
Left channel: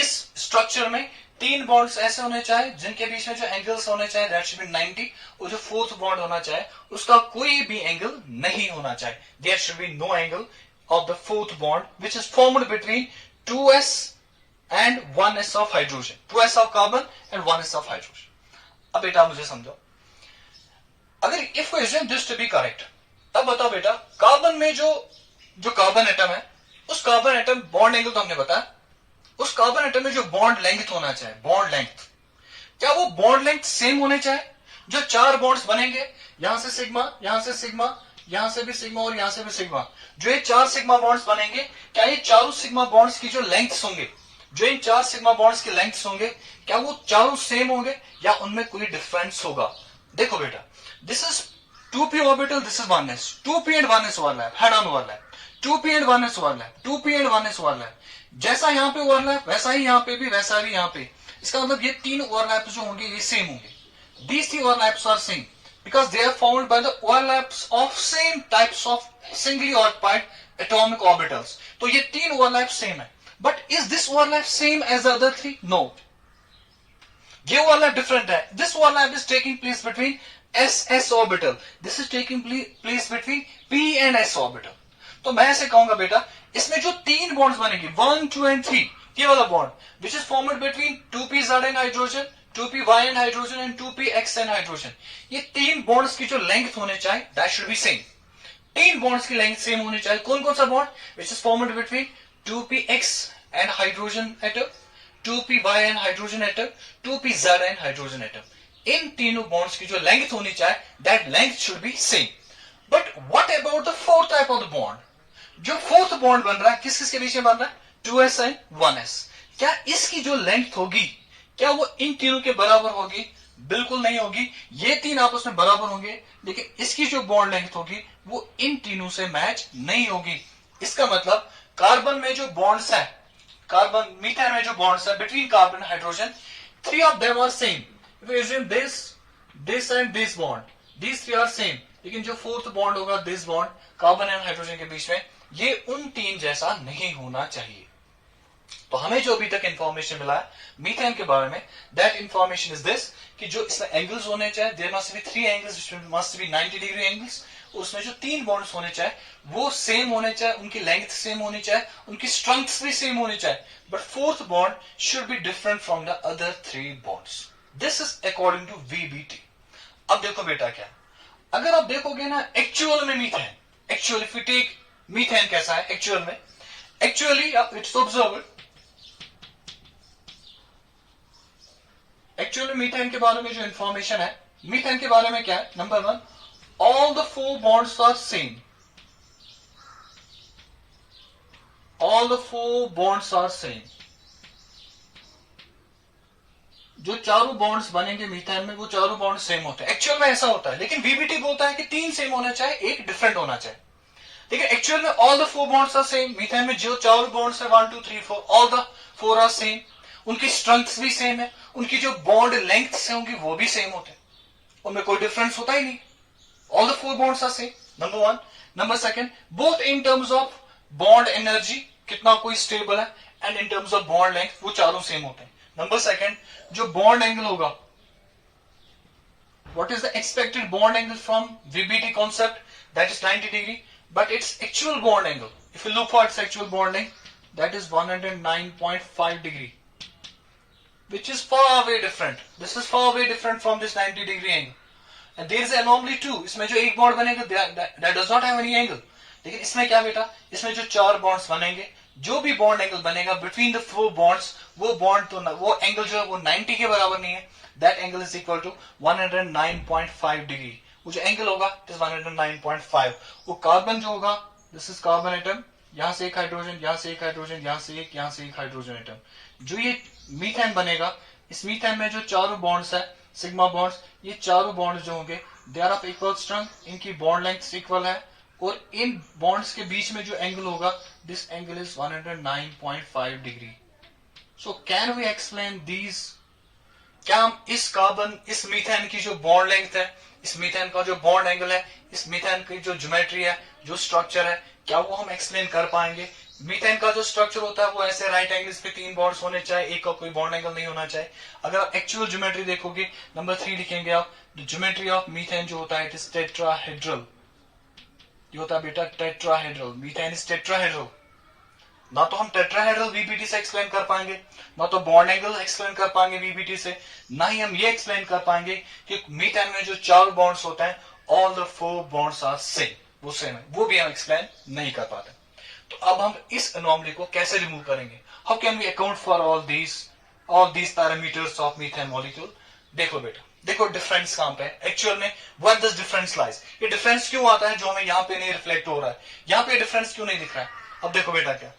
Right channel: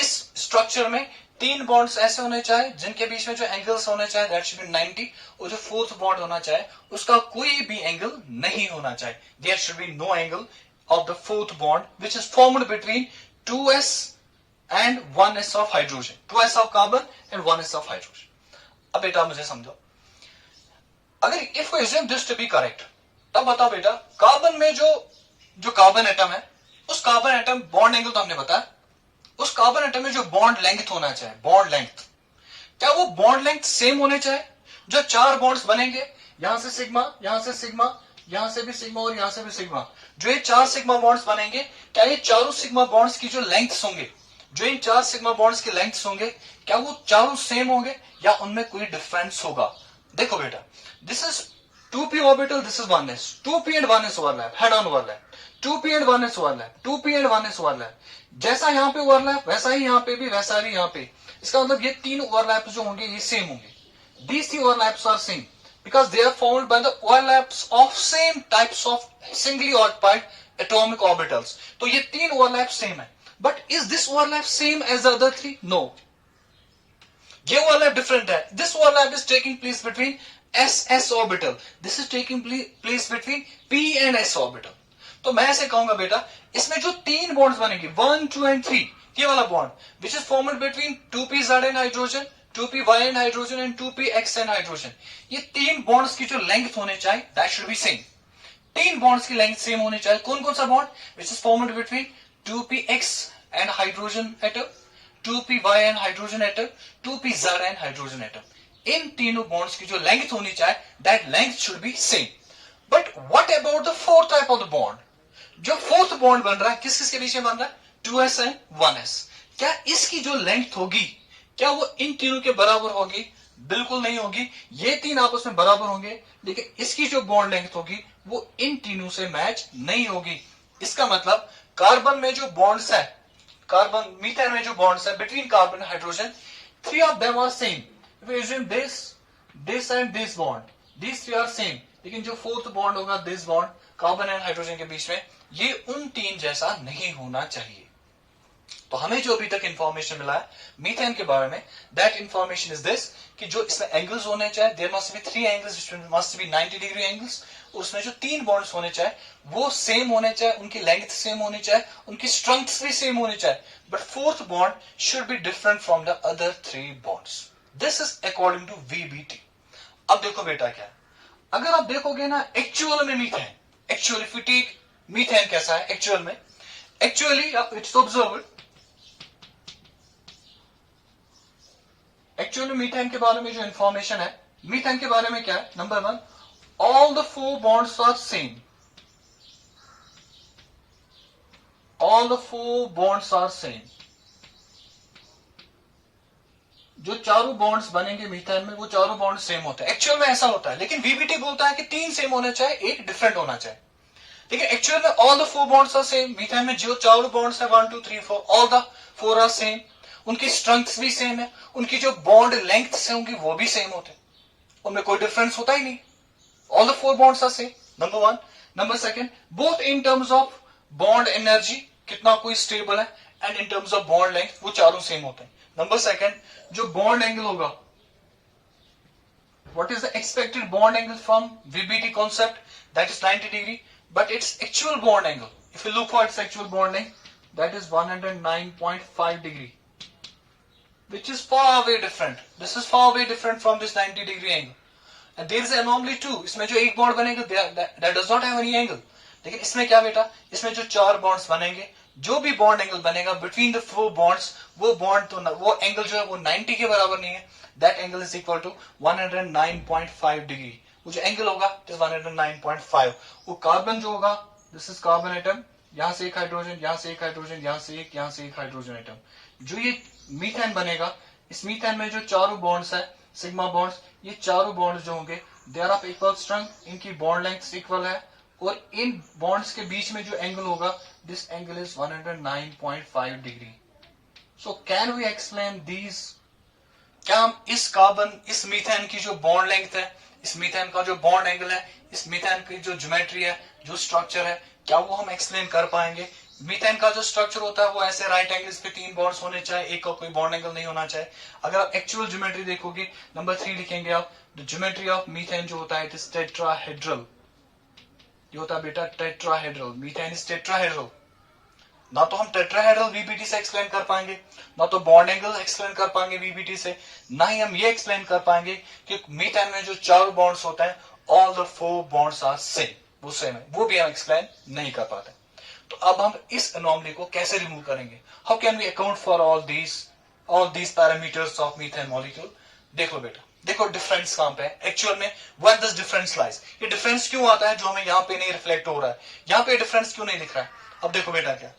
इस structure में 3 bonds ऐसे होने चाहिए जिनके बीच में जो एंगल्स होने चाहिए दैट शुड बी 90 और जो फोर्थ बॉन्ड होना चाहिए उसका कोई भी एंगल नहीं होना चाहिए. There should be no angle of the fourth bond which is formed between 2s and 1s of hydrogen, 2s of carbon and 1s of hydrogen. अब बेटा मुझे समझो, अगर if we assume this to be correct, तब बताओ बेटा carbon में जो कार्बन एटम है उस कार्बन एटम बॉन्ड एंगल तो हमने बताया, उस कार्बन एटम में जो बॉन्ड लेंथ होना चाहिए, बॉन्ड लेंथ, क्या वो बॉन्ड लेंथ सेम होने चाहिए? जो 4 बॉन्ड्स बनेंगे यहां से सिग्मा, यहां से सिग्मा, यहां से भी सिग्मा और यहां से भी सिग्मा, जो ये 4 सिग्मा बॉन्ड्स बनेंगे क्या ये चारों सिग्मा बॉन्ड्स की जो लेंथ्स होंगे, जो इन 4 सिग्मा बॉन्ड्स की लेंथ्स होंगे क्या वो चारों सेम होंगे या उनमें कोई डिफरेंस होगा? देखो बेटा, this is 2p orbital, this is 1s, 2p and 1s overlap, head on overlap, 2p and 1s overlap, 2p and 1s overlap, जैसा यहां पे ओवरलैप वैसा ही यहां पे भी, वैसा ही यहां पे. इसका मतलब ये 3 ओवरलैप्स जो होंगे ये सेम होंगे. These 3 overlaps are same because they are formed by the overlaps of same types of singly occupied atomic orbitals. तो ये 3 overlaps same है. But is this overlap same as the other 3? No. ये overlap different है. This overlap is taking place between s orbital. This is taking place between p and s orbital. तो मैं ऐसे कहूंगा बेटा, इसमें जो 3 bonds बनेंगे 1, 2 and 3, ये वाला bond which is formed between 2pz and hydrogen, 2py and hydrogen and 2px and hydrogen, ये 3 bonds की जो length होने चाहिए that should be same. 3 bonds की length same होनी चाहिए. कौन कौन सा bond which is formed between 2px and hydrogen atom, 2py and hydrogen atom, 2pz and hydrogen atom, इन तीनों bonds की जो length होनी चाहिए that length should be same. But what about the fourth type of the bond? जो fourth bond बन रहा है किस किस के बीच में बन रहा है? 2s and 1s. क्या इसकी जो लेंथ होगी क्या वो इन तीनों के बराबर होगी? बिल्कुल नहीं होगी. ये 3 आपस में बराबर होंगे लेकिन इसकी जो बॉन्ड लेंथ होगी वो इन तीनों से मैच नहीं होगी. इसका मतलब कार्बन में जो बॉन्ड्स है, कार्बन मीथेन में जो बॉन्ड्स है between carbon and hydrogen, 3 of them are same. If you assume this and this bond, these 3 are same, लेकिन जो फोर्थ बॉन्ड होगा this bond carbon and hydrogen के बीच में, ये उन 3 जैसा नहीं होना चाहिए. तो हमें जो अभी तक इंफॉर्मेशन मिला है मीथेन के बारे में, दैट इंफॉर्मेशन इज दिस कि जो इसमें एंगल्स होने चाहिए there must be 3 angles, must be 90 degree angles. उसमें जो 3 बॉन्ड्स होने चाहिए वो सेम होने चाहिए, उनकी लेंथ सेम होनी चाहिए, उनकी स्ट्रेंथ भी सेम होनी चाहिए. But fourth bond should be different from the other 3 bonds. This is according to VBT. अब देखो बेटा क्या, अगर आप देखोगे ना एक्चुअल में methane, actually if you take methane कैसा है एक्चुअल में, actually it's observe, actually methane के बारे में जो इंफॉर्मेशन है मीथेन के बारे में क्या है? Number 1, all the 4 bonds are same, all the 4 bonds are same. जो चारों बॉन्ड्स बनेंगे मीथेन में वो चारों बॉन्ड सेम होते हैं. एक्चुअल में ऐसा होता है लेकिन VBT बोलता है कि 3 सेम होना चाहिए, एक डिफरेंट होना चाहिए. लेकिन एक्चुअल में all the 4 bonds are same. Methane में जो चारों बॉन्ड्स है 1 2 3 4, ऑल द 4 आर सेम. उनकी स्ट्रेंथ भी सेम है, उनकी जो बॉन्ड लेंथ से होंगी वो भी सेम होते हैं, उनमें कोई डिफरेंस होता ही नहीं. All the 4 bonds are same, number 1. Number 2, both in terms of bond energy, कितना कोई स्टेबल है, and in terms of bond length वो चारों सेम होते हैं. नंबर 2, जो बॉन्ड एंगल होगा, what is the expected bond angle from VBT concept? That is 90 degree, but its actual bond angle, if you look for its actual bond length, that is 109.5 degree, which is far away different. This is far away different from this 90 degree angle. And there is an anomaly too. इसमें जो एक bond बनेगा that does not have any angle. लेकिन इसमें क्या बेटा, इसमें जो 4 बॉन्ड्स बनेंगे, जो भी बॉन्ड एंगल बनेगा बिटवीन द 4 बॉन्ड्स, वो बॉन्ड तो वो एंगल जो है वो 90 के बराबर नहीं है. That angle is equal to 109.5 degree. वो जो एंगल होगा इट इज 109.5. वो कार्बन जो होगा, दिस इज कार्बन एटम, यहां से एक हाइड्रोजन, यहां से एक हाइड्रोजन, यहां से एक हाइड्रोजन एटम. जो ये मीथेन बनेगा, इस मीथेन में जो चारों बॉन्ड्स है सिग्मा बॉन्ड्स, ये चारों बॉन्ड्स जो होंगे they are of equal strength, इनकी बॉन्ड लेंथ इक्वल है, और इन बॉन्ड्स के बीच में जो एंगल होगा this angle is 109.5 degree. So can we explain these? क्या हम इस कार्बन, इस मीथेन की जो बॉन्ड लेंथ है इस मीथेन का जो बॉन्ड एंगल है, इस मीथेन की जो ज्योमेट्री है, जो स्ट्रक्चर है, क्या वो हम एक्सप्लेन कर पाएंगे? मीथेन का जो स्ट्रक्चर होता है वो ऐसे राइट एंगल्स पे 3 बॉन्ड्स होने चाहिए, एक का कोई बॉन्ड एंगल नहीं होना चाहिए। अगर आप एक्चुअल ज्योमेट्री देखोगे, नंबर 3 लिखेंगे आप, द ज्योमेट्री ऑफ मीथेन जो होता है इट इज टेट्राहेड्रल। ये होता है बेटा टेट्राहेड्रल, मीथेन इज टेट्राहेड्रल। ना तो हम टेट्राहेड्रल वीबीटी से एक्सप्लेन कर पाएंगे, ना तो बॉन्ड एंगल एक्सप्लेन कर पाएंगे वीबीटी से, ना ही हम ये एक्सप्लेन कर पाएंगे कि मीथेन में जो 4 बॉन्ड्स होते हैं all the 4 bonds are same, वो सेम है, वो भी हम एक्सप्लेन नहीं कर पाते। तो अब हम इस एनोमली को कैसे रिमूव करेंगे? How can we account for all these parameters of methane molecule? देखो बेटा, देखो डिफरेंस कहां पे है एक्चुअल में, व्हेयर दिस डिफरेंस लाइज। ये डिफरेंस क्यों आता है जो हमें यहाँ पे नहीं रिफ्लेक्ट हो रहा है, यहाँ पे डिफरेंस क्यों नहीं दिख रहा है? अब देखो बेटा, क्या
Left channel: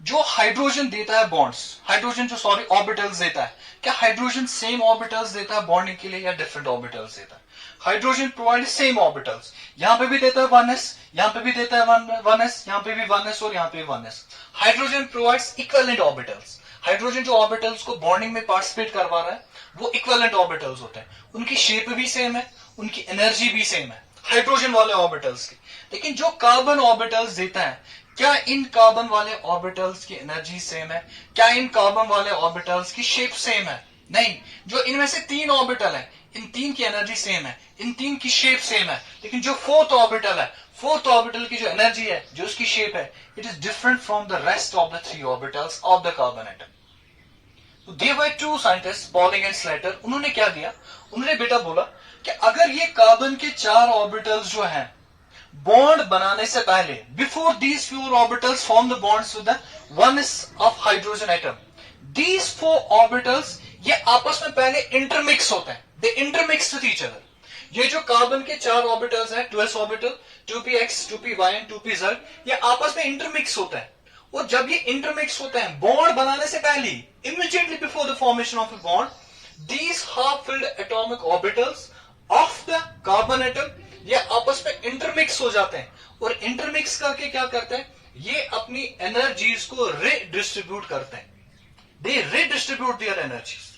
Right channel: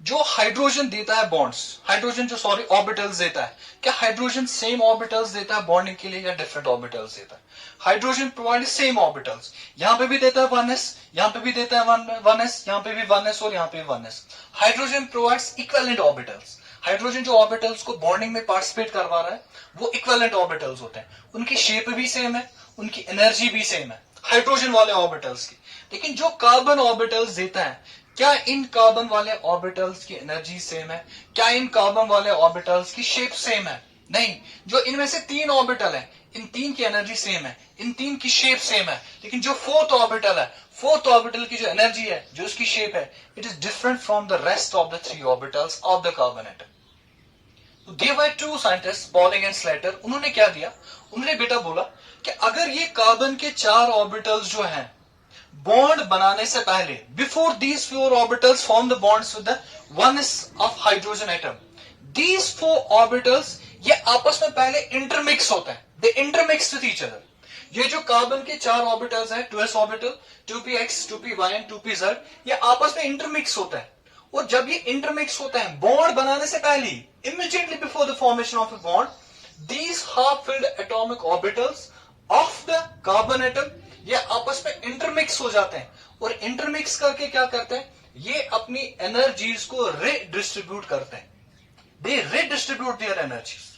जो हाइड्रोजन देता है बॉन्ड्स, हाइड्रोजन जो सॉरी ऑर्बिटल्स देता है, क्या हाइड्रोजन सेम ऑर्बिटल्स देता है बॉन्डिंग के लिए या डिफरेंट ऑर्बिटल्स देता है? हाइड्रोजन प्रोवाइड सेम ऑर्बिटल्स, यहां पे भी देता है 1s, यहां पे भी देता है 1s, यहां पे भी 1s और यहां पे भी 1s। Hydrogen provides equivalent orbitals, hydrogen जो ऑर्बिटल्स को बॉन्डिंग में पार्टिसिपेट करवा रहा है वो इक्विवेलेंट ऑर्बिटल्स होते हैं, उनकी शेप भी सेम है, उनकी एनर्जी भी सेम है हाइड्रोजन वाले ऑर्बिटल्स की। लेकिन जो कार्बन ऑर्बिटल्स देता है, क्या इन कार्बन वाले ऑर्बिटल्स की एनर्जी सेम है? क्या इन कार्बन वाले ऑर्बिटल्स की शेप सेम है? नहीं। जो इनमें से 3 ऑर्बिटल है, इन 3 की एनर्जी सेम है, इन 3 की शेप सेम है, लेकिन जो 4th ऑर्बिटल है, 4th ऑर्बिटल की जो एनर्जी है, जो उसकी शेप है, it is different from the rest of the 3 orbitals of the carbon atom. Give by 2 scientist Pauling and Slater, उन्होंने क्या दिया? उन्होंने बेटा बोला कि अगर ये कार्बन के 4 ऑर्बिटल्स जो हैं बॉन्ड बनाने से पहले, before these 4 orbitals form the bonds with the 1s of hydrogen atom, these 4 orbitals ये आपस में पहले इंटरमिक्स होते हैं, दे इंटरमिक्स विद ईच अदर। ये जो कार्बन के 4 ऑर्बिटल्स हैं, 2s orbital, 2px, 2py and 2pz, ये आपस में इंटरमिक्स होते हैं। और जब ये इंटरमिक्स होते हैं बॉन्ड बनाने से पहले, immediately before the formation of a bond, these half filled atomic orbitals of the carbon atom ये आपस में इंटरमिक्स हो जाते हैं, और इंटरमिक्स करके क्या करते हैं, ये अपनी एनर्जीज को रीडिस्ट्रीब्यूट करते हैं, दे रीडिस्ट्रीब्यूट देयर एनर्जीज।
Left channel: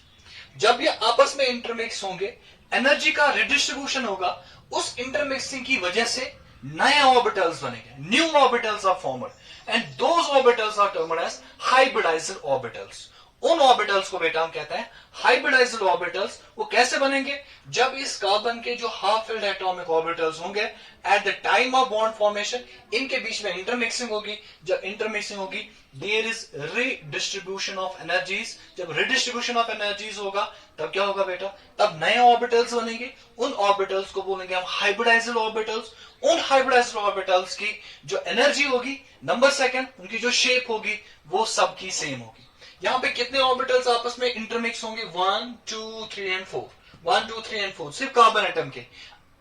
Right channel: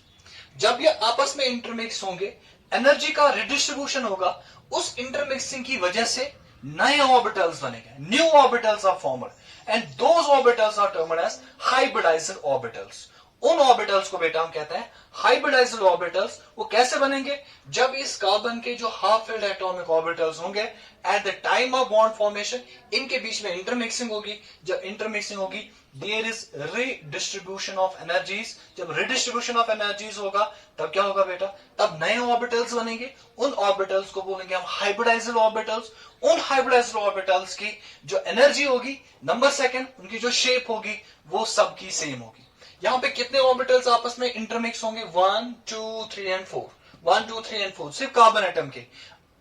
जब ये आपस में इंटरमिक्स होंगे, एनर्जी का रिडिस्ट्रीब्यूशन होगा, उस इंटरमिक्सिंग की वजह से नए ऑर्बिटल्स बनेंगे, new orbitals are formed and those orbitals are termed as hybridized orbitals. उन ऑर्बिटल्स को बेटा हम कहते हैं हाइब्रिडाइज्ड ऑर्बिटल्स। वो कैसे बनेंगे? जब इस कार्बन के जो हाफ फिल्ड एटॉमिक ऑर्बिटल्स होंगे at the time of bond formation, इनके बीच में इंटरमिक्सिंग होगी। जब इंटरमिक्सिंग होगी, there is redistribution of energies. जब रीडिस्ट्रीब्यूशन ऑफ एनर्जीज होगा, तब क्या होगा बेटा? तब नए ऑर्बिटल्स बनेंगे। उन ऑर्बिटल्स को बोलेंगे हम हाइब्रिडाइज्ड ऑर्बिटल्स। उन हाइब्रिडाइज्ड ऑर्बिटल्स की जो एनर्जी होगी, नंबर सेकंड, उनकी जो शेप होगी, वो सबकी सेम होगी। यहां पे कितने ऑर्बिटल्स आपस में इंटरमिक्स होंगे? 1 2 3 एंड 4, 1 2 3 एंड 4, सिर्फ कार्बन एटम के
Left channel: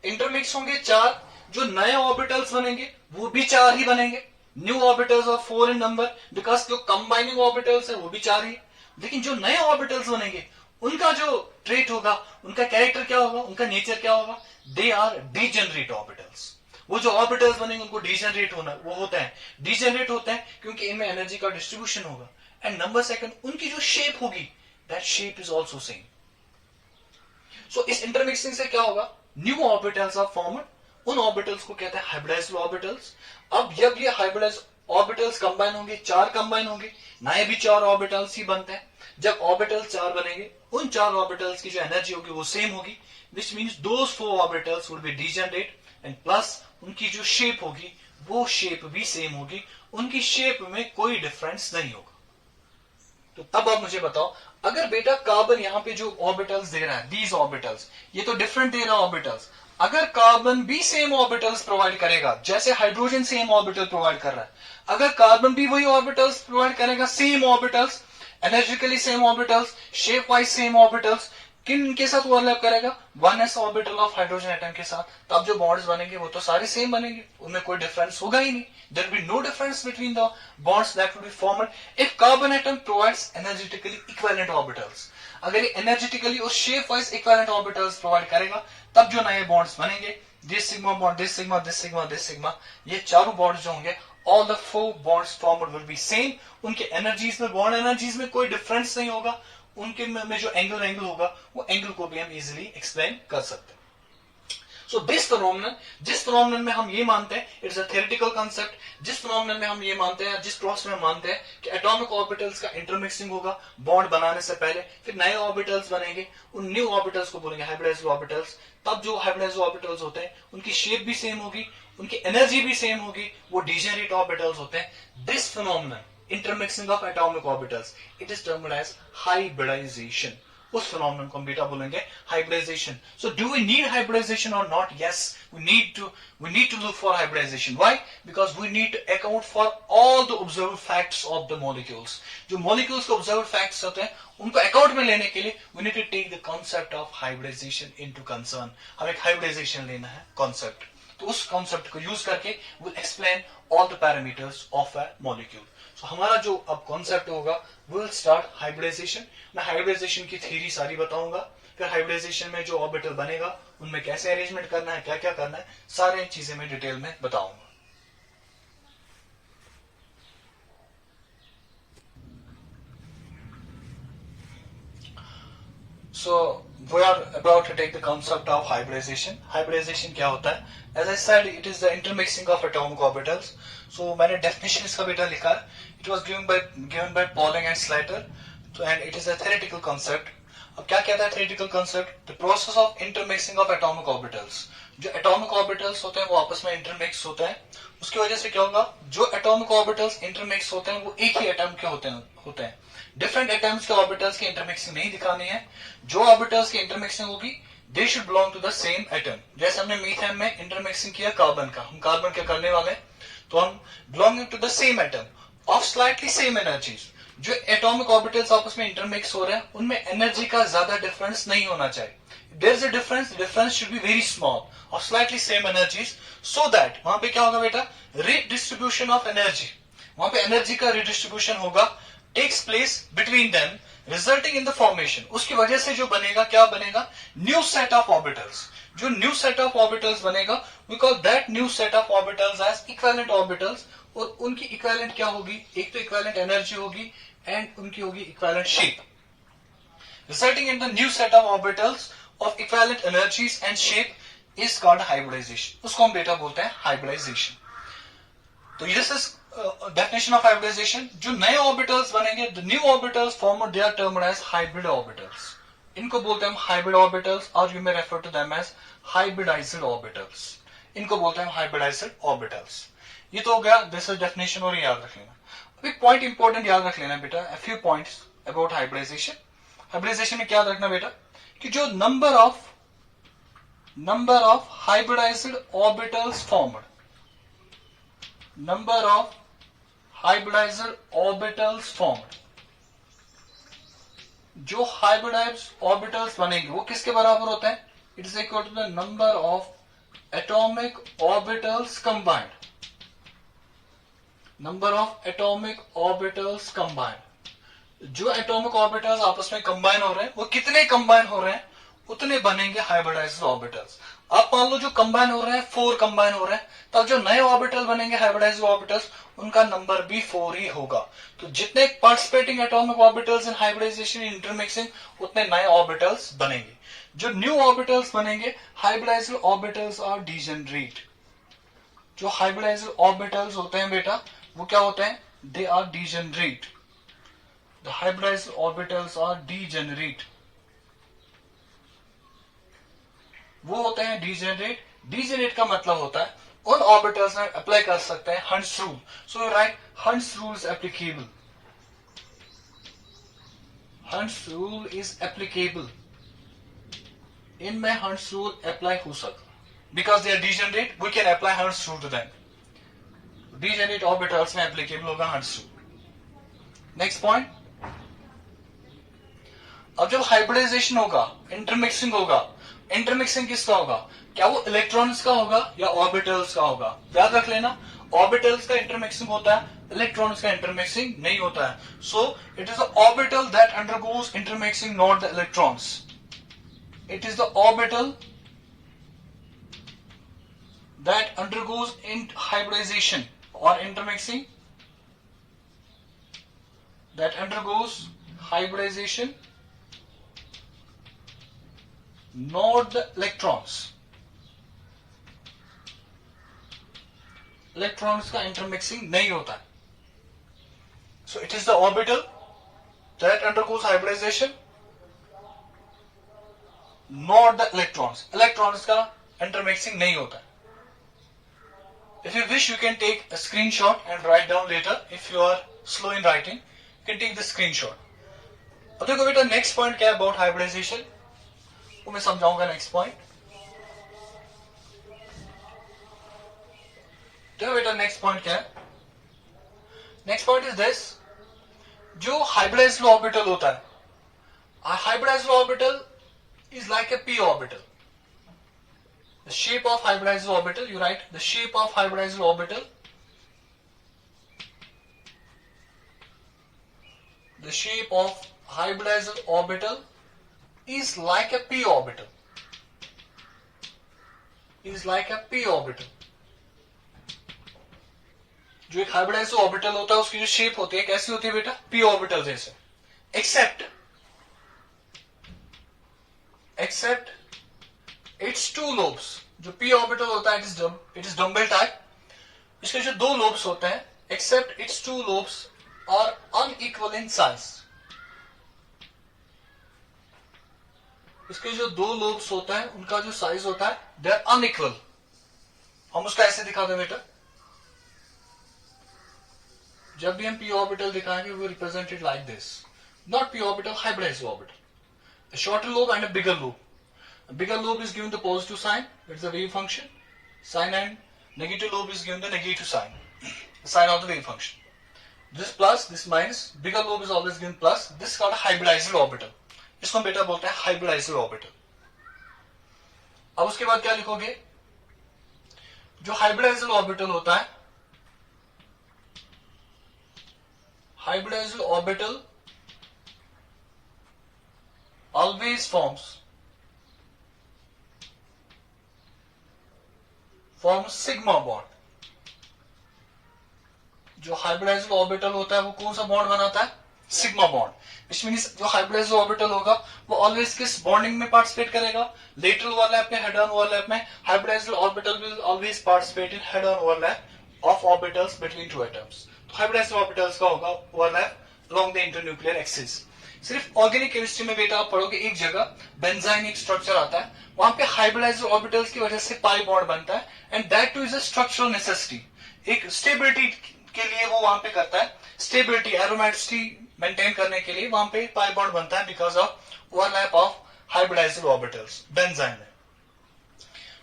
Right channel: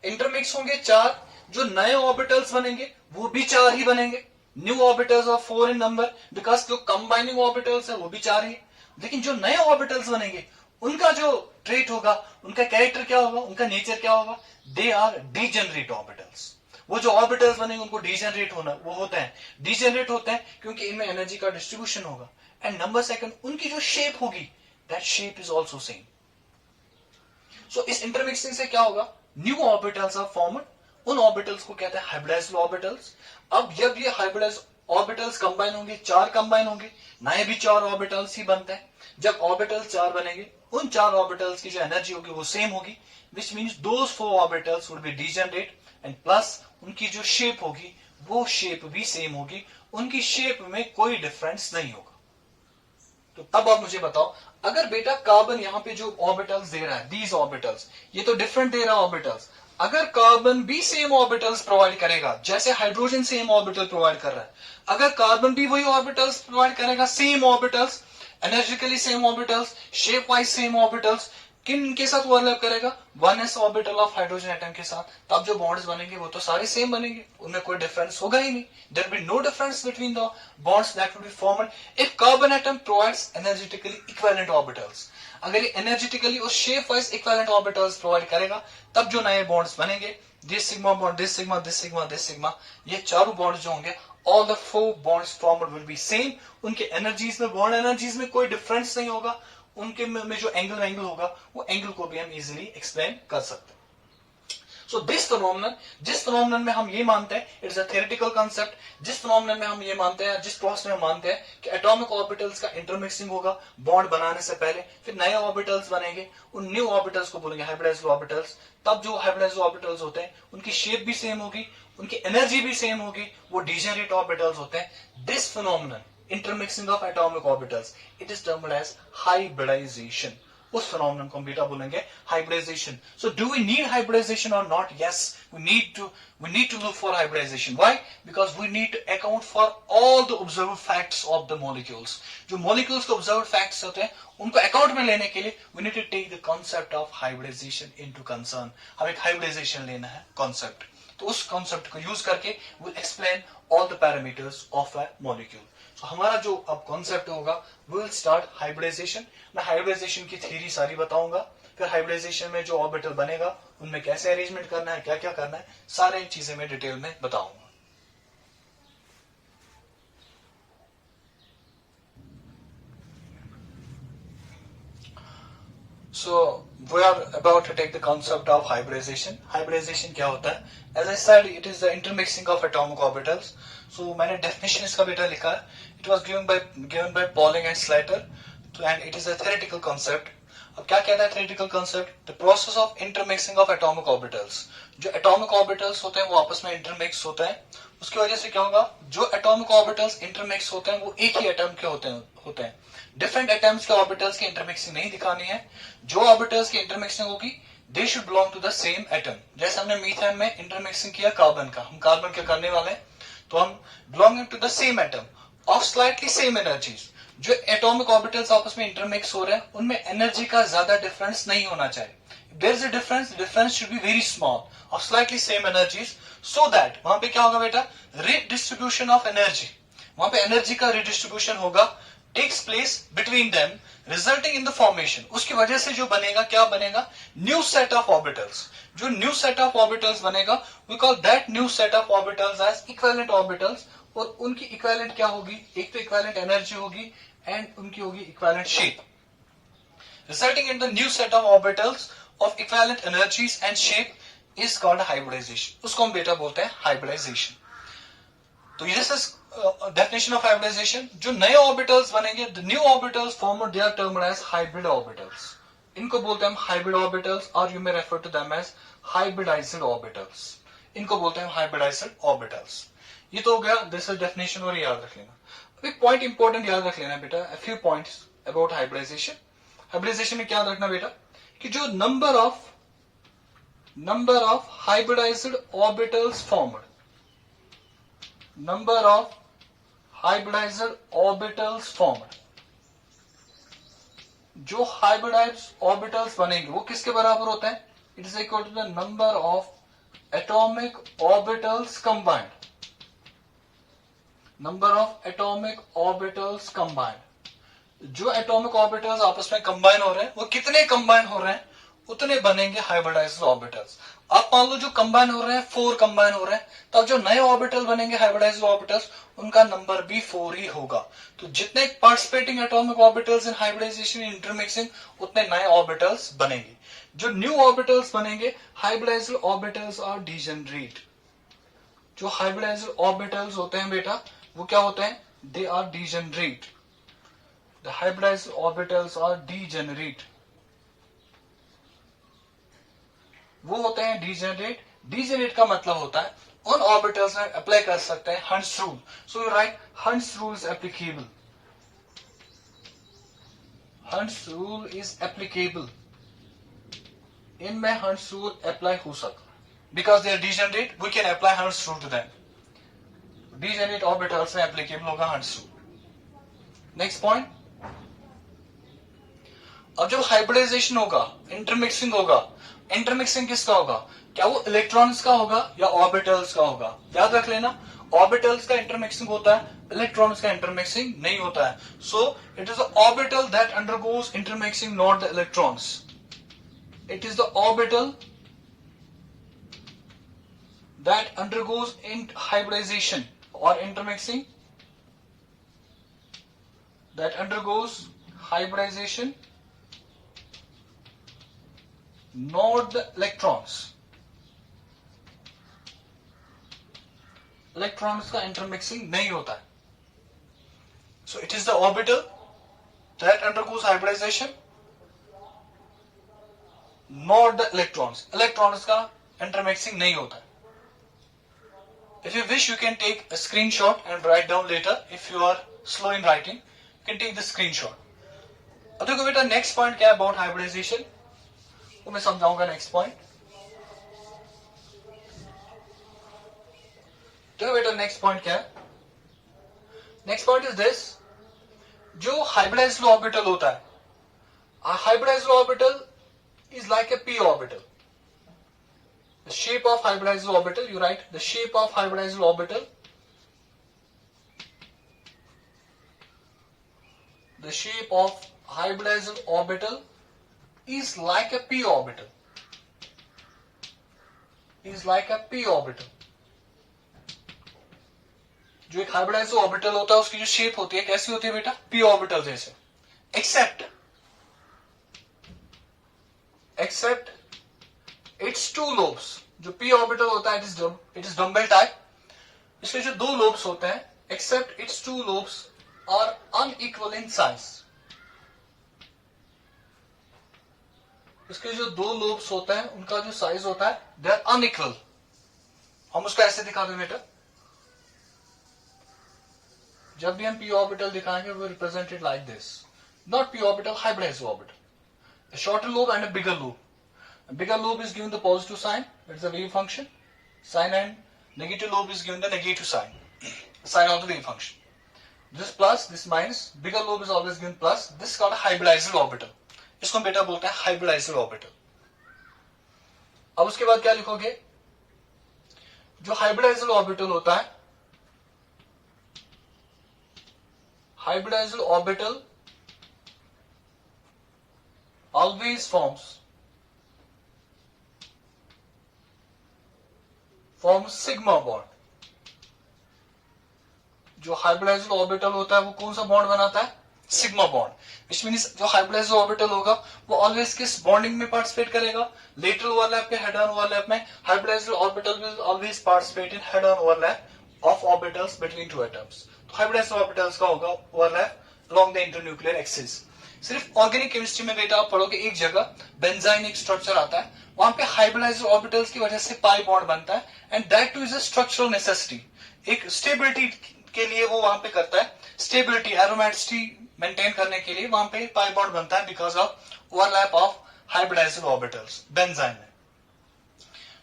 इंटरमिक्स होंगे 4। जो नए ऑर्बिटल्स बनेंगे वो भी 4 ही बनेंगे। New orbitals of 4 in number, because जो कंबाइनिंग ऑर्बिटल्स है वो भी 4 ही। लेकिन जो नए ऑर्बिटल्स बनेंगे, उनका जो ट्रेट होगा, उनका कैरेक्टर क्या होगा, उनका नेचर क्या होगा? They are degenerate orbitals. वो जो ऑर्बिटल्स बनेंगे उनको डीजेनरेट होना वो होते हैं, डीजेनरेट होते हैं क्योंकि इनमें एनर्जी का डिस्ट्रीब्यूशन होगा। एंड नंबर सेकंड, उनकी जो शेप होगी, that shape is also same. So इस इंटरमिक्सिंग से क्या होगा? New orbitals are formed. उन ऑर्बिटल्स को कहते हैं हाइब्रिडाइज्ड ऑर्बिटल्स। अब जब ये हाइब्रिडाइज्ड ऑर्बिटल्स कंबाइन होंगे, 4 कंबाइन होंगे, नए भी 4 ऑर्बिटल्स ही बनते हैं। जब ऑर्बिटल्स 4 बनेंगे, उन 4 ऑर्बिटल्स की जो एनर्जी होगी वो सेम होगी, which means those 4 orbitals would be degenerate and plus उनकी जो शेप होगी वो शेप भी सेम होगी, उनकी शेप में कोई डिफरेंस नहीं होगा। तो तब आप मुझे बताओ, अगर बेटा कार्बन यहां पे जो ऑर्बिटल्स दे रहा है, दीज ऑर्बिटल्स, ये तो डिफरेंट दे रहा है ऑर्बिटल्स, अगर कार्बन भी सेम ऑर्बिटल्स प्रोवाइड करेगा, जैसे हाइड्रोजन सेम ऑर्बिटल प्रोवाइड कर रहा है, अगर कार्बन भी वही ऑर्बिटल्स प्रोवाइड करेगा, same orbitals, energetically same orbitals, shape wise same orbitals, किन के साथ ओवरलैप करेगा? 1s orbital of hydrogen atom के साथ। तब जो बॉन्ड्स बनेंगे वो तो सारे सेम बनेंगे, उनमें कोई डिफरेंस होगा ही नहीं। There will be no difference between the bonds that will be formed if carbon atom provides energetically equivalent orbitals. अगर ये एनर्जेटिकली और shape wise equivalent orbitals provide करेगा, तब जो नए बॉन्ड्स बनेंगे, this sigma bond, this sigma, this sigma, this sigma, ये चारों बॉन्ड्स जो होंगे, all the 4 bonds formed will be same. उनके एनर्जीज में, बॉन्ड एनर्जीज में कोई डिफरेंस नहीं होगा। उनके में जो एंगल होगा, वो एंगल को भी हम इजिली एक्सप्लेन कर सकते हैं। सो दिस फिनोमेनन, जिस फिनोमेनन में हम ये मानते हैं इट्स अ थियोरेटिकल कांसेप्ट, जिस फिनोमेनन में हम ये मानते हैं, जिस प्रोसेस में हम मानते हैं कि एटॉमिक ऑर्बिटल्स का इंटरमिक्सिंग होगा बॉन्ड बनाने से पहले, फिर नए ऑर्बिटल्स बनेंगे, उन न्यू ऑर्बिटल्स को बोलेंगे हाइब्रिडाइज्ड ऑर्बिटल्स। तब जो हाइब्रिडाइज्ड ऑर्बिटल्स होते हैं उनकी शेप भी सेम होगी, उनकी एनर्जी भी सेम होगी, वो डिजेनरेट ऑर्बिटल्स होते हैं। This phenomenon, intermixing of atomic orbitals, it is termed as hybridization. उस phenomenon को हम बेटा बोलेंगे hybridization. So do we need hybridization or not? Yes, we need to look for hybridization. Why? Because we need to account for all the observed facts of the molecules. जो molecules के observed facts होते हैं उनको account में लेने के लिए we need to take the concept of hybridization into concern. हम एक hybridization लेना है concept. तो उस concept को use करके we'll explain all the parameters of a molecule. So, हमारा जो अब कॉन्सेप्ट होगा विल स्टार्ट हाइब्रिडाइजेशन। मैं हाइब्रिडाइजेशन की थ्योरी सारी बताऊंगा, फिर हाइब्रिडाइजेशन में जो ऑर्बिटल बनेगा उनमें कैसे अरेंजमेंट करना है, क्या क्या करना है, सारे चीजें मैं डिटेल में बताऊंगा। So we are about to take the concept of hybridization. Hybridization क्या होता है? As I said, it is the intermixing of atomic orbitals. So मैंने definition इसका बेटा लिखा है. It was given by Pauling and Slater, and it is a theoretical concept. अब क्या कहता है theoretical concept? The process of intermixing of atomic orbitals. जो atomic orbitals होते हैं वो आपस में intermix होते हैं. उसकी वजह से क्या होगा? जो atomic orbitals intermix होते हैं वो एक ही atom के होते हैं. डिफरेंट एटम्स के ऑर्बिटल्स की इंटरमिक्सिंग नहीं दिखानी है। जो ऑर्बिटल्स की इंटरमिक्सिंग होगी they should belong to the same atom. जैसे हमने मीथेन में इंटरमिक्सिंग किया कार्बन का, हम कार्बन क्या करने वाले हैं, तो हम belonging to the same atom of slightly same energies. जो एटॉमिक ऑर्बिटल्स आपस में इंटरमिक्स हो रहे हैं उनमें एनर्जी का ज्यादा डिफरेंस नहीं होना चाहिए। There is a difference should be very small of slightly same energies, so that वहां पे क्या होगा बेटा, रिडिस्ट्रीब्यूशन ऑफ एनर्जी, वहां पे एनर्जी का रिडिस्ट्रीब्यूशन होगा takes place between them resulting in the formation। उसकी वजह से जो बनेगा क्या बनेगा, न्यू सेट ऑफ ऑर्बिटल्स। जो न्यू सेट ऑफ ऑर्बिटल्स बनेगा we call that new set of orbitals as equivalent orbitals। और उनकी इक्विवेलेंट क्या होगी, एक तो इक्विवेलेंट एनर्जी होगी एंड उनकी होगी equivalent shape, resulting in the new set of orbitals of equivalent energies and shape is called hybridization। उसको हम बेटा बोलते हैं hybridization। तो this is definition of hybridization। जो नए ऑर्बिटल्स बनेंगे, the new orbitals formed, they are termed as hybrid orbitals। इनको बोलते हैं हम hybrid orbitals और you may refer to them as hybridized orbitals। इनको बोलते हैं hybridized orbitals। ये तो हो गया this is definition और याद रख लेना। अब एक पॉइंट इंपॉर्टेंट याद रख लेना बेटा, a few points about hybridization। hybridization में क्या याद रखना बेटा कि जो number of hybridized orbitals formed, number of hybridized orbitals formed, जो hybridized orbitals बनेंगे वो किसके बराबर होता है, it is equal to the number of atomic orbitals combined, number of atomic orbitals combined। जो atomic orbitals आपस में कंबाइन हो रहे हैं वो कितने कंबाइन हो रहे हैं उतने बनेंगे हाइब्रिडाइज्ड ऑर्बिटल्स। आप मान लो जो कंबाइन हो रहे हैं 4 कंबाइन हो रहे हैं, तब जो नए ऑर्बिटल बनेंगे हाइब्रिडाइज्ड ऑर्बिटल्स उनका नंबर भी 4 ही होगा। तो जितने participating atomic orbitals in hybridization intermixing उतने नए ऑर्बिटल्स बनेंगे। जो न्यू ऑर्बिटल्स बनेंगे हाइब्रिडाइज्ड ऑर्बिटल्स आर डीजेनरेट। जो हाइब्रिडाइज्ड ऑर्बिटल्स होते हैं बेटा वो क्या होते हैं, they are degenerate. The hybridized orbitals are degenerate, वो होते हैं डीजेनरेट। डीजेनरेट का मतलब होता है उन ऑर्बिटल्स में अप्लाई कर सकते हैं Hund's rule. So right, Hund's rule is applicable, Hund's rule is applicable, इनमें हंट्स रूल अप्लाई हो सकता है because they are degenerate, we can apply Hund's rule to them. Degenerate orbitals में एप्लीकेबल होगा हंट्स रूल। नेक्स्ट पॉइंट, अब जब hybridisation होगा, intermixing होगा, इंटरमिक्सिंग किसका होगा, क्या वो इलेक्ट्रॉन्स का होगा या ऑर्बिटल्स का होगा। याद रख लेना ऑर्बिटल्स का इंटरमिक्सिंग होता है, इलेक्ट्रॉन्स का इंटरमिक्सिंग नहीं होता है। So it is the orbital that undergoes intermixing, not the electrons. It is the orbital that undergoes in hybridization और intermixing, that undergoes hybridization, not the electrons। Electrons का intermixing नहीं होता है. So it is the orbital that undergoes hybridization, not the electrons. Electrons का intermixing नहीं होता है. If you wish, you can take a screenshot and write down later. If you are slow in writing, you can take the screenshot. अब देखो बेटा next point क्या है about hybridisation, वो मैं समझाऊंगा. नेक्स्ट पॉइंट देखो बेटा, नेक्स्ट पॉइंट क्या है. Next point is this. जो हाइब्रिडाइज्ड ऑर्बिटल होता है, hybridised orbital is like A P orbital. The shape of hybridized orbital, you write the shape of hybridized orbital. The shape of hybridized orbital is like a p orbital. Is like a p orbital. जो एक hybridized orbital होता है उसकी जो shape होती है कैसी होती है बेटा, p ऑर्बिटल जैसे. Except its two lobes. जो पी ऑर्बिटल होता है इट इज डम्बल टाइप. इसके जो दो लोब्स होते हैं, except its two lobes are unequal in size. इसके जो दो लोब्स होता है उनका जो साइज होता है दे आर अनइक्वल. हम उसको ऐसे दिखा दो बेटा. जब भी हम पी ऑर्बिटल दिखाएंगे वो represented like this. Not P orbital, hybridised orbital. A shorter lobe and a bigger lobe. A bigger lobe is given the positive sign, that's the wave function. Sign and negative lobe is given the negative sign, sign of the wave function. This plus, this minus, bigger lobe is always given plus. This is called a hybridized orbital. इसको हम बेटा बोलते हैं hybridized orbital. अब उसके बाद क्या लिखोगे, जो hybridized orbital होता है, hybridized orbital always forms sigma bond. जो हाइब्रिडाइज्ड ऑर्बिटल होता है वो कौन सा बॉन्ड बनाता है, सिग्मा बॉन्ड. विच मीन्स जो हाइब्रिडाइज्ड ऑर्बिटल होगा वो ऑलवेज किस बॉन्डिंग में पार्टिसिपेट करेगा, लेटरल ओवरलैप या हेड ऑन ओवरलैप में. Hybridised orbital will always participate in head on overlap of orbitals between two atoms. तो हाइब्रिडाइज्ड ऑर्बिटल्स का होगा overlap along the internuclear axis. सिर्फ ऑर्गेनिक केमिस्ट्री में बेटा आप पढ़ोगे एक जगह बेंजाइन एक स्ट्रक्चर आता है, वहां पे हाइब्रिडाइज्ड ऑर्बिटल्स की वजह से पाई बॉन्ड बनता है. And that two is a structural necessity. एक स्टेबिलिटी के लिए वो वहां पे करता है, स्टेबिलिटी एरोमेटिसिटी मेंटेन करने के लिए वहां पे पाई बॉन्ड बनता है because of overlap of hybridized orbitals benzene में.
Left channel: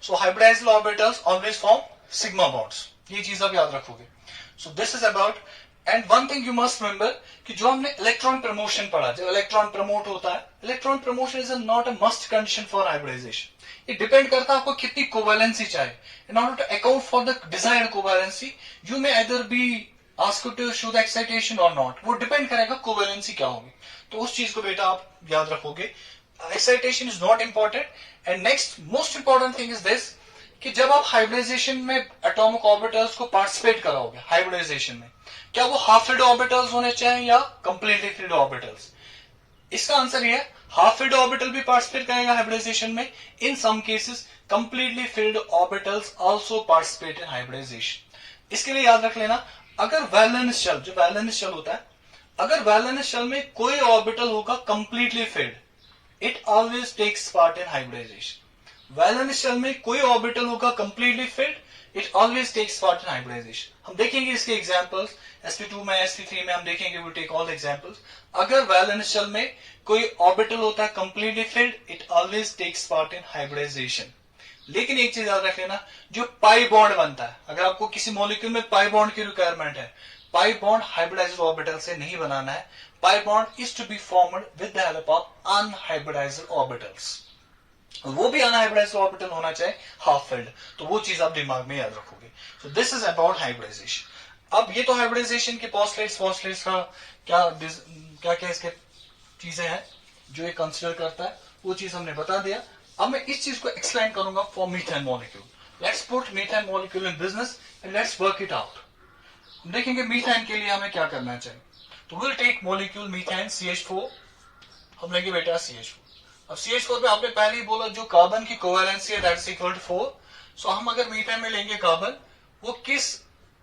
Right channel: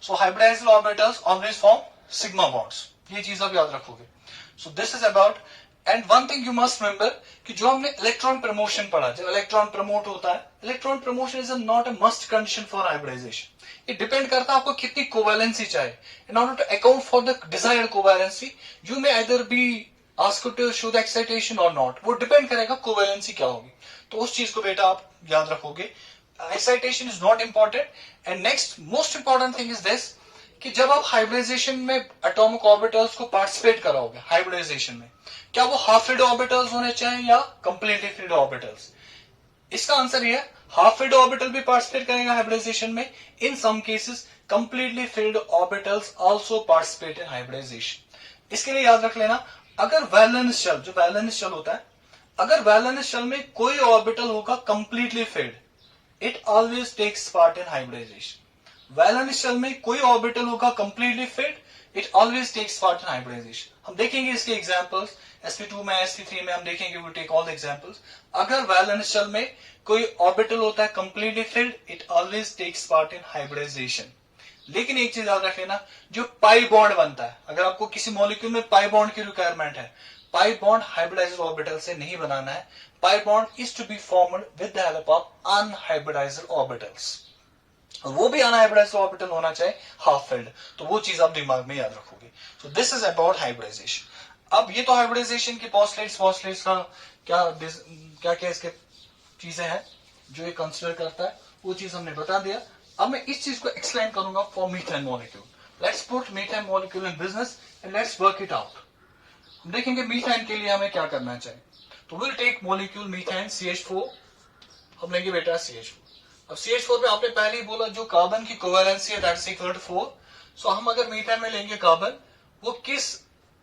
So hybridized orbitals always form sigma bonds. ये चीज आप याद रखोगे. So this is about. And one thing you must remember कि जो हमने इलेक्ट्रॉन प्रमोशन पढ़ा, जब इलेक्ट्रॉन प्रमोट होता है, electron promotion is not a must condition for hybridization. ये डिपेंड करता है आपको कितनी कोवैलेंसी चाहिए. In order to account for the desired covalency you may either be asked to show the excitation or not. वो depend करेगा covalency क्या होगी. तो उस चीज को बेटा आप याद रखोगे. Excitation is not important. And next most important thing is this कि जब आप हाइब्रिडाइजेशन में एटॉमिक ऑर्बिटल्स को पार्टिसिपेट कराओगे हाइब्रिडाइजेशन में, क्या वो हाफ फिल्ड ऑर्बिटल्स होने चाहिए या कंप्लीटली फिल्ड ऑर्बिटल्स. इसका आंसर ये है हाफ फिल्ड ऑर्बिटल भी पार्टिसिपेट करेगा हाइब्रिडाइजेशन में. In some cases completely filled orbitals also participate in hybridization. इसके लिए याद रख लेना, अगर वैलेंस शेल, जो वैलेंस शेल होता है, अगर वैलेंस शेल में कोई ऑर्बिटल होगा completely filled, it always takes part in hybridization. Valence shell में कोई ऑर्बिटल होगा completely filled, it always takes part in hybridization. हम देखेंगे इसके एग्जांपल्स sp2 में sp3 में हम देखेंगे. We take all the examples. अगर वैलेंस शेल में कोई ऑर्बिटल होता है completely filled, it always takes part in hybridization. लेकिन एक चीज याद रख लेना, जो पाई बॉन्ड बनता है, अगर आपको किसी मॉलिक्यूल में पाई बॉन्ड की रिक्वायरमेंट है, पाई बॉन्ड हाइब्रिडाइज्ड ऑर्बिटल से नहीं बनाना है. Pi bond is to be formed with the help of unhybridized orbitals. वो भी अनहाइब्रिडाइज्ड ऑर्बिटल होना चाहिए हाफ फिल्ड. तो वो चीज आप दिमाग में याद रखोगे. So this is about hybridization. अब ये तो हाइब्रिडाइजेशन के पोस्टलेट्स का क्या क्या इसके चीजें हैं जो ये कंसिडर करता है, वो चीज हमने बता दिया. अब मैं इस चीज को एक्सप्लेन करूंगा for methane molecule. Let's put methane molecule in business and let's work it out. हम देखेंगे मीथेन के लिए हमें क्या करना चाहिए. तो will take molecule methane CH4. हम लेंगे बेटा CH4. अब CH4 पे आपने पहले ही बोला जो कार्बन की कोवैलेंसी है दैट्स इक्वल टू 4. सो हम अगर मीथेन में लेंगे कार्बन, वो किस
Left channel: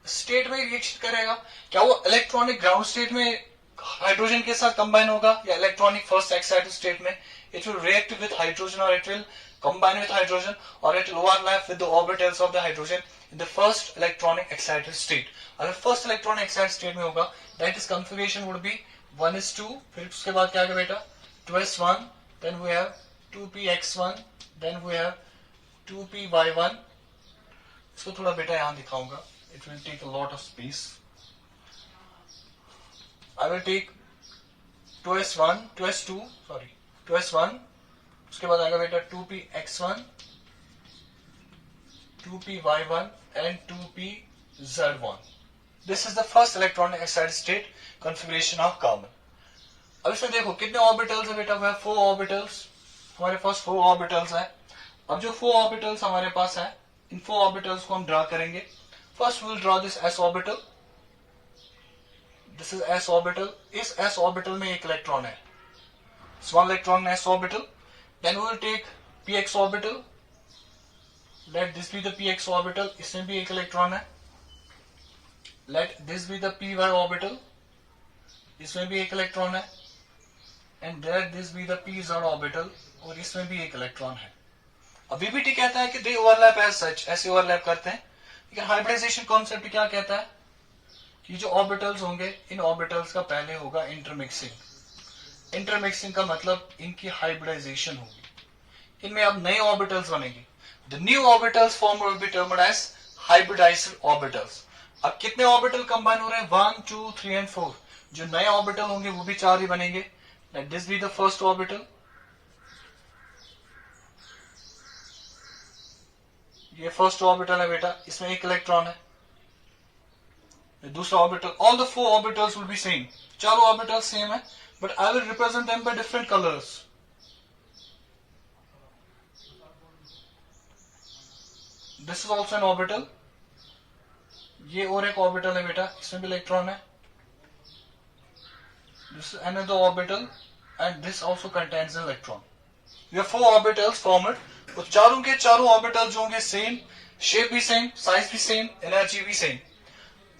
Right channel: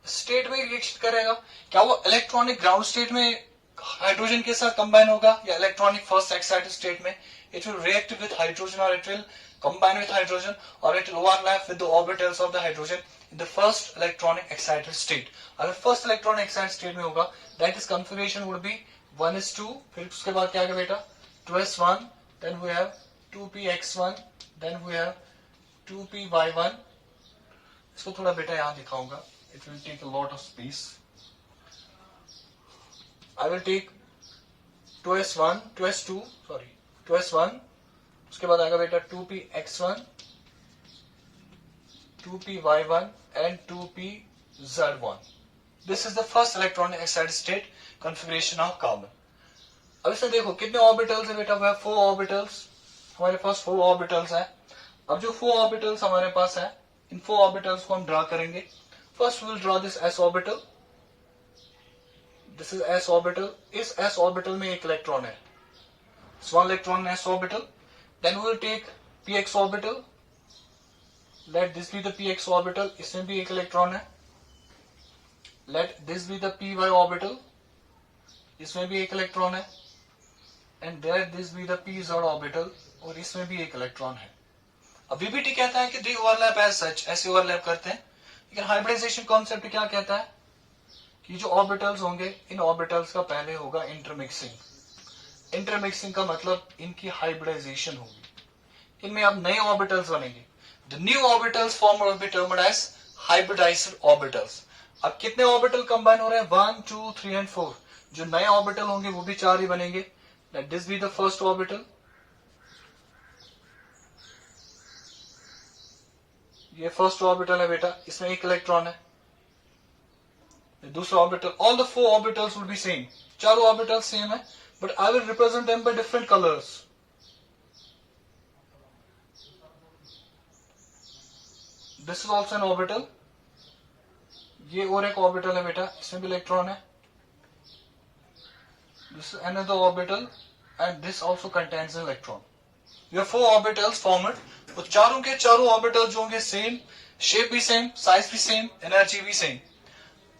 स्टेट में रिएक्शन करेगा। क्या वो इलेक्ट्रॉनिक ग्राउंड स्टेट में हाइड्रोजन के साथ कंबाइन होगा या इलेक्ट्रॉनिक फर्स्ट एक्साइटेड स्टेट में? It will react with hydrogen और it will combine with hydrogen or it will overlap with the orbitals of the hydrogen in the first electronic excited state. अगर first electronic excited state में होगा that is configuration would be 1s2, फिर उसके बाद क्या आएगा बेटा 2s1, then we have 2px1, then we have 2py1. इसको थोड़ा बेटा यहाँ दिखाऊंगा, it will take a lot of space. I will take 2s1, उसके बाद आएगा बेटा 2px1, 2py1 and 2pz1. This is the first electronic excited state configuration of carbon. अब इसमें देखो कितने ऑर्बिटल्स है बेटा, वह 4 ऑर्बिटल्स, हमारे पास 4 ऑर्बिटल्स है। अब जो 4 ऑर्बिटल्स हमारे पास है, इन 4 ऑर्बिटल्स को हम ड्रा करेंगे। First will draw this s orbital, this is s orbital. इस s ऑर्बिटल में एक इलेक्ट्रॉन है, one electron s orbital. Then we will take px orbital. Let this be the px orbital. इसमें भी एक इलेक्ट्रॉन है। Let this be the py orbital. इसमें भी एक इलेक्ट्रॉन है। And let this be the pz orbital. और इसमें भी एक इलेक्ट्रॉन है। अब VBT कहता है कि they overlap as such, ऐसे ओवरलैप करते हैं। लेकिन हाइब्रिडाइजेशन कॉन्सेप्ट क्या कहता है कि जो ऑर्बिटल्स होंगे, इन ऑर्बिटल्स का पहले होगा इंटरमिक्सिंग। इंटरमिक्सिंग का मतलब इनकी हाइब्रिडाइजेशन होगी, इनमें अब नए ऑर्बिटल्स बनेंगे। The new orbitals form will be termed as hybridized orbitals. अब कितने ऑर्बिटल कंबाइन हो रहे हैं? 1, 2, 3 एंड 4। जो नए ऑर्बिटल होंगे वो भी 4 ही बनेंगे। Late this be the first orbital, ये फर्स्ट ऑर्बिटल है बेटा, इसमें एक इलेक्ट्रॉन है। दूसरा orbital, all the 4 orbitals will be same, चारों ऑर्बिटल सेम है, but I will represent them by different colors. This is also an orbital. ये और एक ऑर्बिटल है बेटा, इसमें भी इलेक्ट्रॉन है। This is another orbital and this also contains an electron. We have 4 orbitals formed. तो चारों के चारों ऑर्बिटल जो होंगे सेम, शेप भी सेम, साइज भी सेम, एनर्जी भी सेम।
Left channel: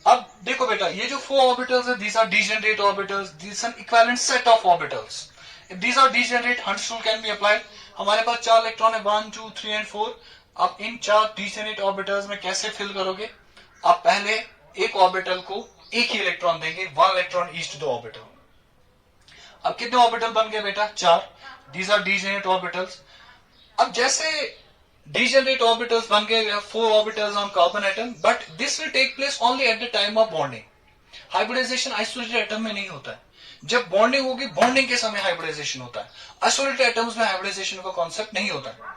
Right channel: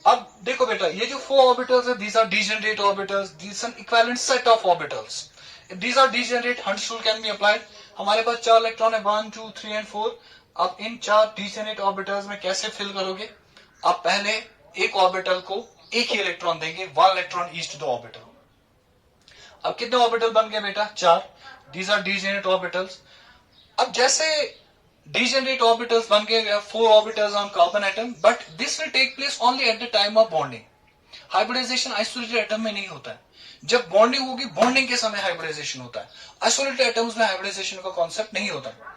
अब देखो बेटा, ये जो 4 orbitals है, these are degenerate orbitals, these are an equivalent set of orbitals. If these are degenerate, Hund's rule can be applied. हमारे पास 4 इलेक्ट्रॉन है, 1, 2, 3 and 4। अब इन 4 degenerate orbitals में कैसे फिल करोगे? आप पहले एक ऑर्बिटल को एक ही इलेक्ट्रॉन देंगे, 1 electron each to the orbital. अब कितने ऑर्बिटल बन गए बेटा? 4। These are degenerate orbitals. अब जैसे degenerate orbitals बन गए, 4 orbitals on carbon atom, but this will take place only at the time of bonding. Hybridization isolated atom में नहीं होता है, जब bonding होगी, bonding के समय hybridization होता है। Isolated atoms में hybridization का concept नहीं होता है।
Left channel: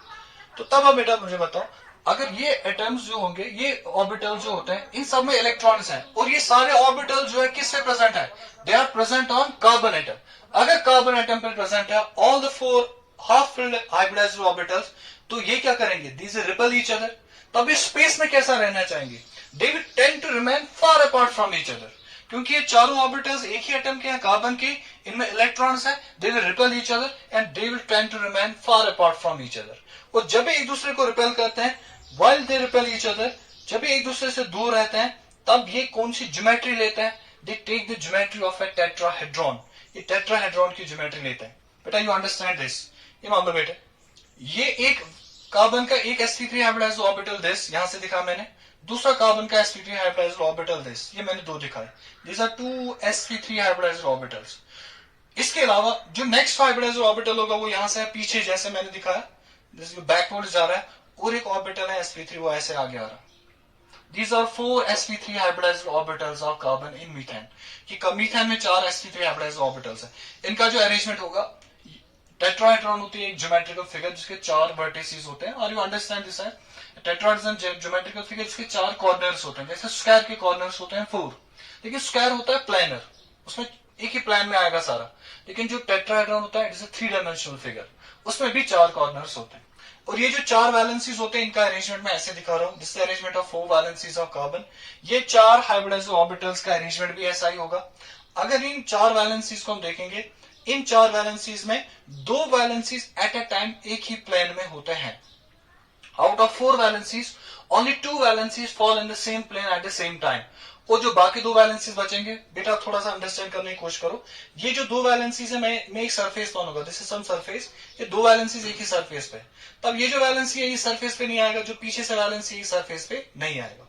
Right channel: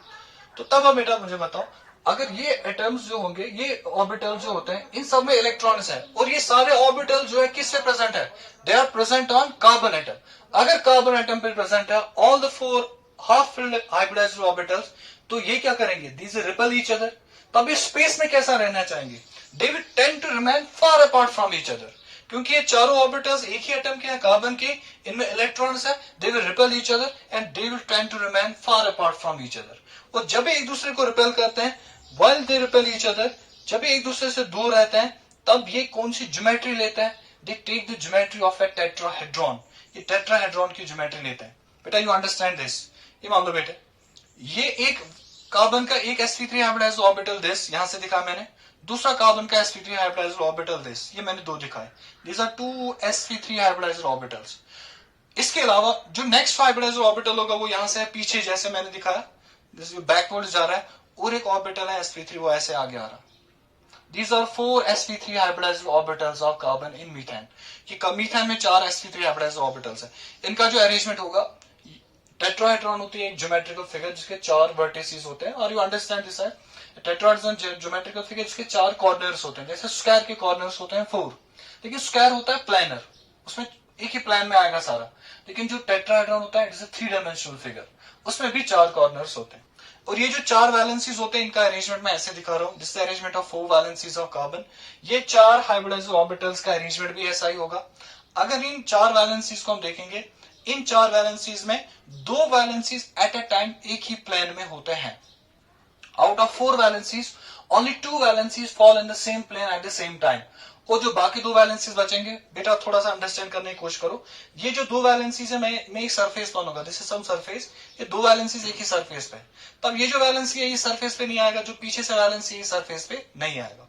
तो तब अब बेटा मुझे बताओ, अगर ये atoms जो होंगे, ये orbitals जो होते हैं, इन सब में electrons है, और ये सारे orbitals जो है किस पे present है? They are present on carbon atom. अगर carbon atom पे present है all the 4 half-filled hybridized orbitals, तो ये क्या करेंगे? These will repel each other. तब ये स्पेस में कैसा रहना चाहेंगे? They will tend to remain far apart from each other. क्योंकि ये चारों ऑर्बिटल्स एक ही एटम के हैं, कार्बन के, इनमें इलेक्ट्रॉन्स है। They will repel each other and they will tend to remain far apart from each other. और जब एक दूसरे को रिपेल करते हैं, while they repel each other, जब एक दूसरे से दूर रहते हैं, तब ये कौन सी ज्योमेट्री लेते हैं? They take the geometry of a tetrahedron. ये टेट्राहेड्रॉन की ज्योमेट्री लेते हैं। बेटा यू अंडरस्टैंड दिस? ये मान लो बेटे, ये एक कार्बन का एक sp3 हाइब्रिडाइज्ड ऑर्बिटल दिस, यहां से दिखा मैंने। दूसरा कार्बन का sp3 हाइब्रिडाइज्ड ऑर्बिटल दिस, ये मैंने 2 दिखाए। These are 2 sp3 hybridized orbitals. इसके अलावा जो नेक्स्ट हाइब्रिडाइज्ड ऑर्बिटल होगा वो यहां से पीछे, जैसे मैंने दिखाया, बैकवर्ड जा रहा है, और एक ऑर्बिटल है sp3, वो ऐसे आगे आ रहा है। These are 4 sp3 hybridized orbitals of carbon in methane. कि मीथेन में 4 sp3 hybridized orbitals है। इनका जो अरेंजमेंट होगा, टेट्राहेड्रॉन होती है एक ज्योमेट्रिकल फिगर जिसके 4 वर्टिसेस होते हैं। और यू अंडरस्टैंड दिस है, टेट्राहेड्रॉन ज्योमेट्रिकल फिगर जिसके 4 कॉर्नर्स होते हैं। जैसे स्क्वायर के कॉर्नर्स होते हैं 4, लेकिन स्क्वायर होता है प्लानर, उसमें एक ही प्लान में आएगा सारा। लेकिन जो टेट्राहेड्रॉन होता है it is a 3 dimensional figure, उसमें भी 4 कॉर्नर्स होते हैं। और ये जो 4 वैलेंसीज होते हैं, इनका अरेंजमेंट मैं ऐसे दिखा रहा हूं, this arrangement of 4 valencies of carbon. ये 4 हाइब्रिडाइज्ड ऑर्बिटल्स का अरेंजमेंट भी ऐसा ही होगा। अगर इन 4 वैलेंसीज को हम देखेंगे, इन 4 वैलेंसीज में 2 वैलेंसीज एट अ टाइम एक ही प्लेन में होते हैं। Out of 4 valencies only two valencies fall in the same plane at the same time. और जो बाकी दो वैलेंसीज बचेंगे, बेटा थोड़ा सा अंडरस्टैंड करने की कोशिश करो। ये जो दो वैलेंसीज है, मैं एक सरफेस मानूंगा, दिस इज सम सरफेस, ये दो वैलेंसीज एक ही सरफेस पे, तब ये जो वैलेंसी है ये सरफेस पे नहीं आएगा, जो पीछे से वैलेंसी है सरफेस पे नहीं आएगा।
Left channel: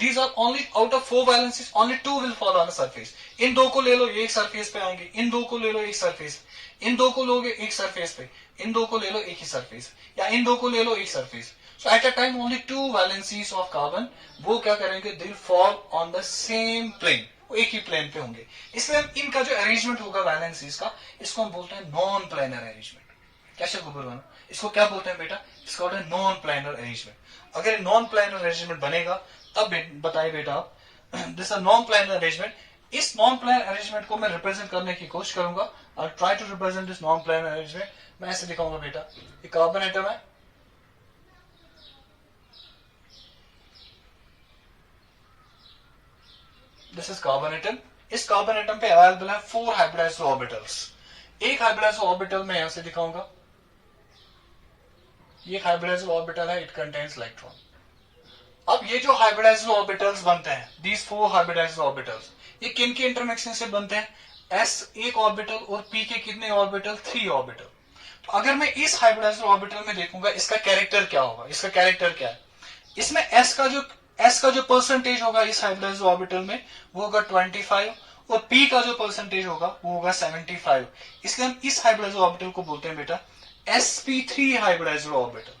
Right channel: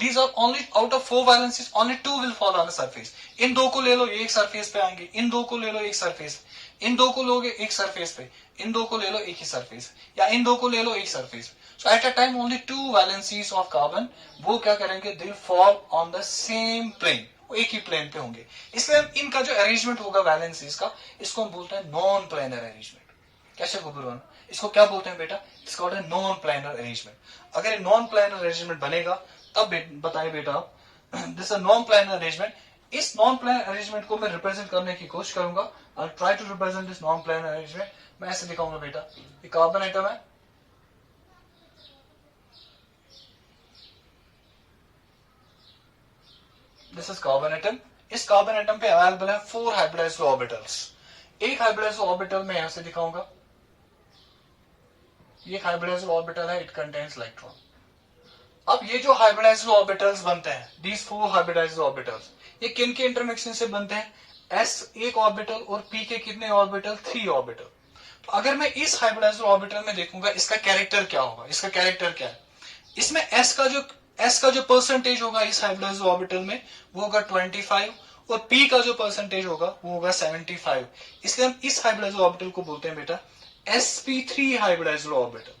These are only out of four valencies, only two will fall on the surface. इन दो को ले लो, ये एक सरफेस पे आएंगे, इन दो को ले लो एक सरफेस, इन दो को लोगे एक सरफेस पे, इन दो को ले लो एक ही सरफेस, या इन दो को ले लो एक surface. So at a time only two valencies of carbon वो क्या करेंगे, they will fall on the same plane, वो एक ही प्लेन पे होंगे। इसलिए हम इनका जो अरेंजमेंट होगा वैलेंसीज का, इसको हम बोलते हैं नॉन प्लेनर अरेंजमेंट। कैसे गुरुवान, इसको क्या बोलते हैं बेटा, इसको बोलते हैं नॉन प्लेनर अरेंजमेंट। अगर नॉन प्लेनर अरेंजमेंट बनेगा तब बताइए बेटा आप, दिस नॉन प्लेनर अरेंजमेंट। इस नॉन प्लेनर अरेंजमेंट को मैं रिप्रेजेंट करने की कोशिश करूंगा, I try to represent this non planar arrangement. मैं ऐसे दिखाऊंगा बेटा, ये कार्बन एटम है, दिस इज कार्बन एटम। इस कार्बन एटम पे अवेलेबल है 4 हाइब्रिडाइज्ड ऑर्बिटल्स। एक हाइब्रिडाइज्ड ऑर्बिटल में यहां से दिखाऊंगा, ये हाइब्रिडाइज्ड ऑर्बिटल है, इट कंटेन्स इलेक्ट्रॉन। अब ये जो हाइब्रिडाइज्ड ऑर्बिटल्स बनते हैं, दीज 4 हाइब्रिडाइज्ड ऑर्बिटल्स, ये किन के इंटरमिक्सिंग से बनते हैं, s एक ऑर्बिटल और p के कितने ऑर्बिटल, 3 ऑर्बिटल। तो अगर मैं इस हाइब्रिडाइज्ड ऑर्बिटल में देखूंगा, इसका कैरेक्टर क्या होगा, इसका कैरेक्टर क्या है, इसमें s का जो परसेंटेज होगा इस हाइब्रिडाइज्ड ऑर्बिटल में वो होगा 25, और p का जो परसेंटेज होगा वो होगा 75। इसलिए हम इस हाइब्रिडाइज्ड ऑर्बिटल को बोलते हैं बेटा sp3 hybridised orbital.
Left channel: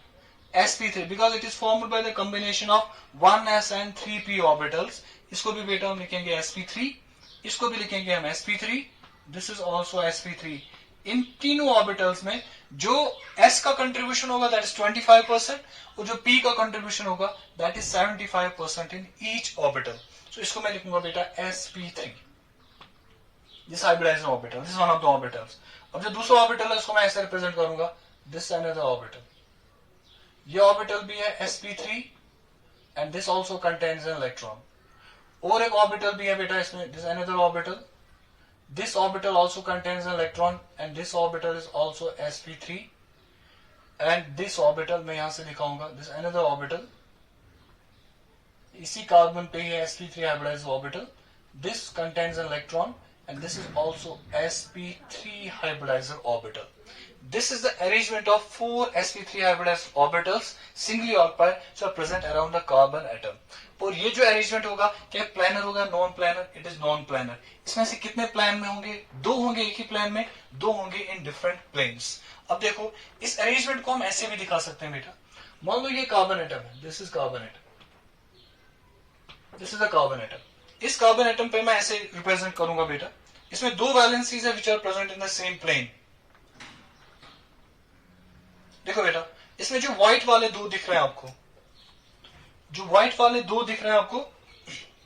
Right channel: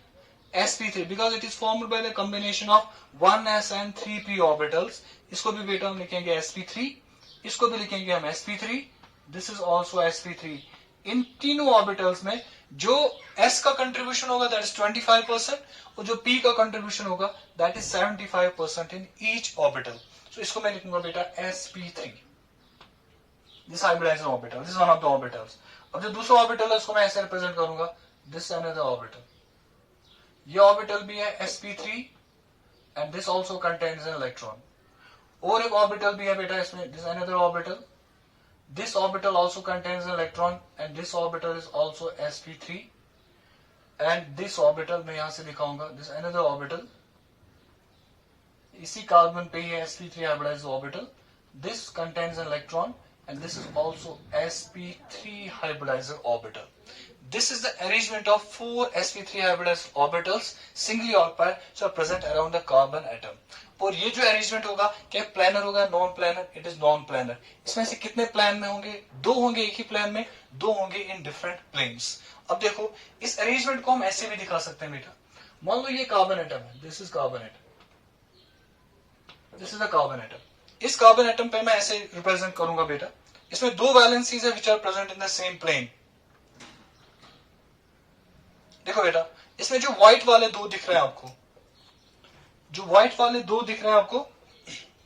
sp3 because it is formed by the combination of 1s and 3p orbitals। इसको भी बेटा हम लिखेंगे sp3, इसको भी लिखेंगे हम sp3, this is also sp3। इन तीनों ऑर्बिटल्स में जो s का कंट्रीब्यूशन होगा दैट इज 25%, और जो p का कंट्रीब्यूशन होगा that is 75% in each orbital. So इसको मैं लिखूंगा बेटा sp3, this hybridized orbital, this one of the orbitals. अब जो दूसरा ऑर्बिटल है उसको मैं ऐसे रिप्रेजेंट करूंगा, दिस अनदर ऑर्बिटल, ये ऑर्बिटल भी है sp3 and this also contains an electron. और एक ऑर्बिटल भी है बेटा इसमें, this another orbital, this orbital also contains an electron and this orbital is also sp3 and this orbital मैं यहां से दिखाऊंगा, दिस अनदर ऑर्बिटल, इसी कार्बन पे ही sp3 hybridised orbital, this contains an electron and this is also sp3 hybridized orbital. This is the arrangement of 4 sp3 hybridized orbitals singly or pair which are present around the carbon atom. और ये जो arrangement होगा क्या planner होगा, non planner, it is non planner. इसमें से कितने plan में होंगे, 2 होंगे एक ही प्लान में, 2 होंगे इन डिफरेंट प्लेन्स। अब देखो इस अरेंजमेंट को हम ऐसे भी दिखा सकते हैं बेटा, मान लो ये कार्बन एटम है, this is carbon atom, this is a carbon atom. इस कार्बन एटम पे मैं ऐसे रिप्रेजेंट करूंगा बेटा, इसमें 2 वैलेंसीज है which are present in the same plane. देखो बेटा इसमें जो व्हाइट वाले 2 दिख रहे हैं आपको, जो व्हाइट वाले 2 दिख रहे हैं आपको,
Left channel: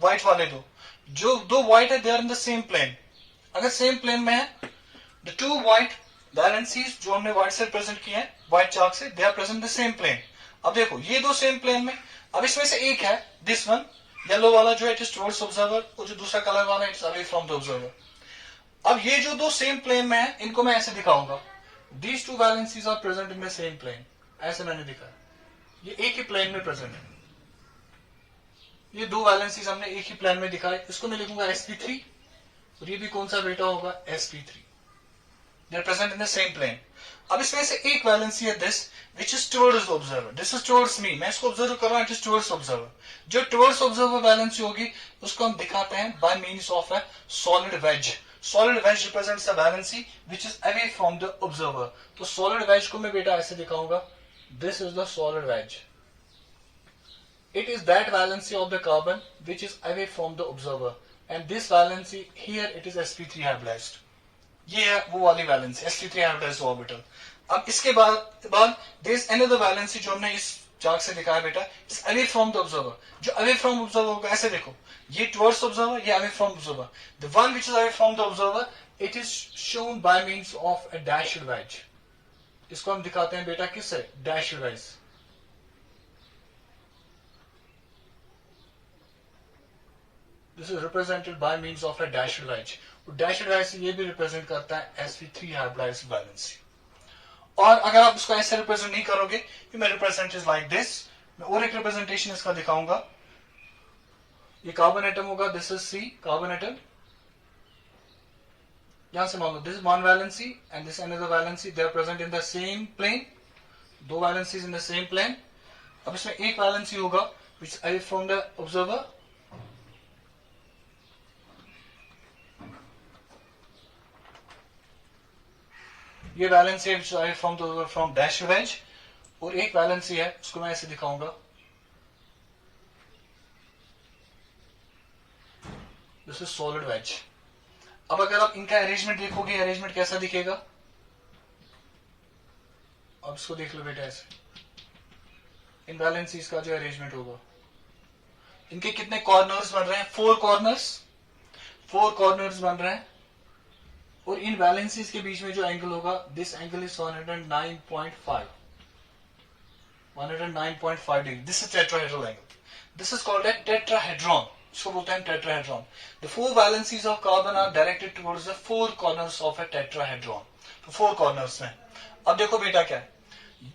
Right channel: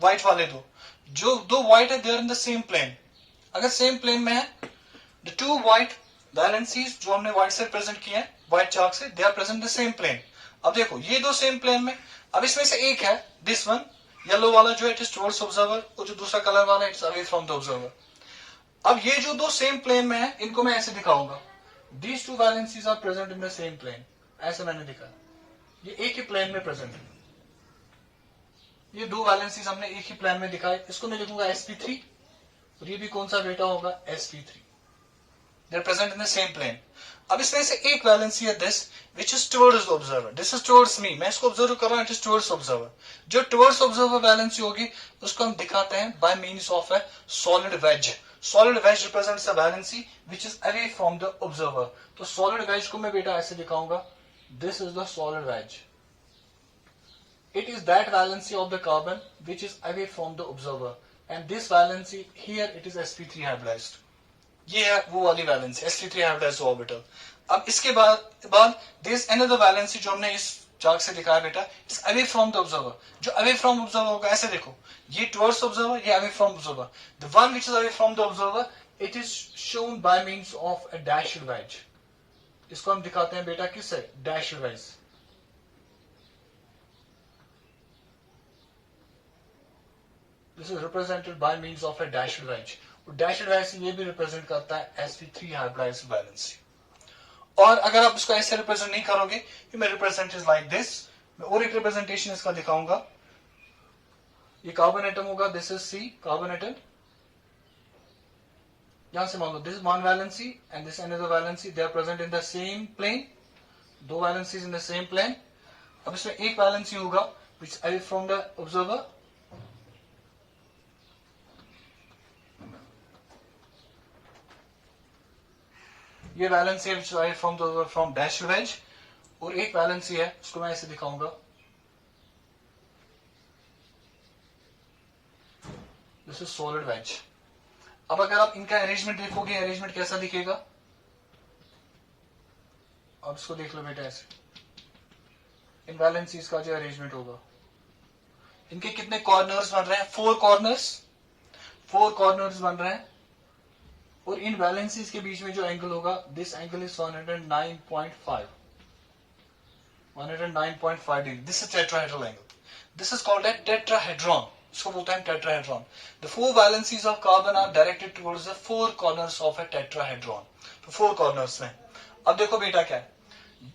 व्हाइट वाले 2, जो 2 व्हाइट है they are in the same plane. अगर सेम प्लेन में है, द 2 व्हाइट वैलेंसीज जो हमने व्हाइट से प्रेजेंट किए हैं व्हाइट चार्ट से, they are present in the same plane. अब देखो ये 2 सेम प्लेन में, अब इसमें से एक है दिस वन, येलो वाला जो है इट इज टुवर्ड्स ऑब्जर्वर, और जो दूसरा कलर वाला है it's away from the observer. अब ये जो 2 सेम प्लेन में है इनको मैं ऐसे दिखाऊंगा, these 2 valencies are present in the same plane, ऐसे मैंने दिखाया, ये एक ही प्लेन में प्रेजेंट है, ये 2 वैलेंसीज हमने एक ही प्लेन में दिखाए। इसको मैं लिखूंगा sp3, और ये भी कौन सा बेटा होगा sp3, they are present in the same plane. अब इसमें से एक वैलेंसी है this which is towards observer, this is towards me, मैं इसको ऑब्जर्व कर रहा हूं, इट इज टुवर्ड्स ऑब्जर्वर। जो टुवर्ड्स ऑब्जर्वर वैलेंसी होगी उसको हम दिखाते हैं by means of a solid wedge. Solid wedge represents a valency which is away from the observer. तो सॉलिड वेज को मैं बेटा ऐसे दिखाऊंगा, this is the solid wedge, it is that valency of the carbon which is away from the observer, and this valency here it is sp3 hybridized, ये है वो वाली वैलेंसी sp3 hybridized orbital। अब इसके बाद there is another valency जो हमने इस चार्ट से दिखाया बेटा, is away from the observer। जो away from observer होगा ऐसे देखो, ये towards observer, ये away from observer, the one which is away from the observer it is shown by means of a dashed wedge। इसको हम दिखाते हैं बेटा किससे, dashed wedge। This is represented by means of a dashed wedge। dashed wedge से ये भी represent करता है sp3 hybridized valency। और अगर आप इसको ऐसे रिप्रेजेंट नहीं करोगे, you may represent is like this, मैं और एक रिप्रेजेंटेशन इसका दिखाऊंगा। ये कार्बन एटम होगा, this is C carbon atom, यहां से मान लो this is one valency and this another valency, they are present in the same plane, दो valencies in the same plane. अब इसमें एक वैलेंसी होगा which I from the observer, ये वैलेंसी है which I from the observer from dash wedge, और एक valency है उसको मैं ऐसे दिखाऊंगा, दिस इज सॉलिड वेज। अब अगर आप इनका अरेंजमेंट देखोगे, अरेंजमेंट कैसा दिखेगा, अब इसको देख लो बेटा ऐसे, इन वैलेंसीज का जो अरेंजमेंट होगा, इनके कितने कॉर्नर्स बन रहे हैं, फोर कॉर्नर्स बन रहे हैं, और इन वैलेंसीज के बीच में जो एंगल होगा, this angle is 109.5 degree, this is tetrahedral angle, this is called a tetrahedron, इसको बोलते हैं tetrahedron. The four valencies of carbon are directed towards the four corners of a tetrahedron, तो फोर कॉर्नर्स हैं। अब देखो बेटा क्या है,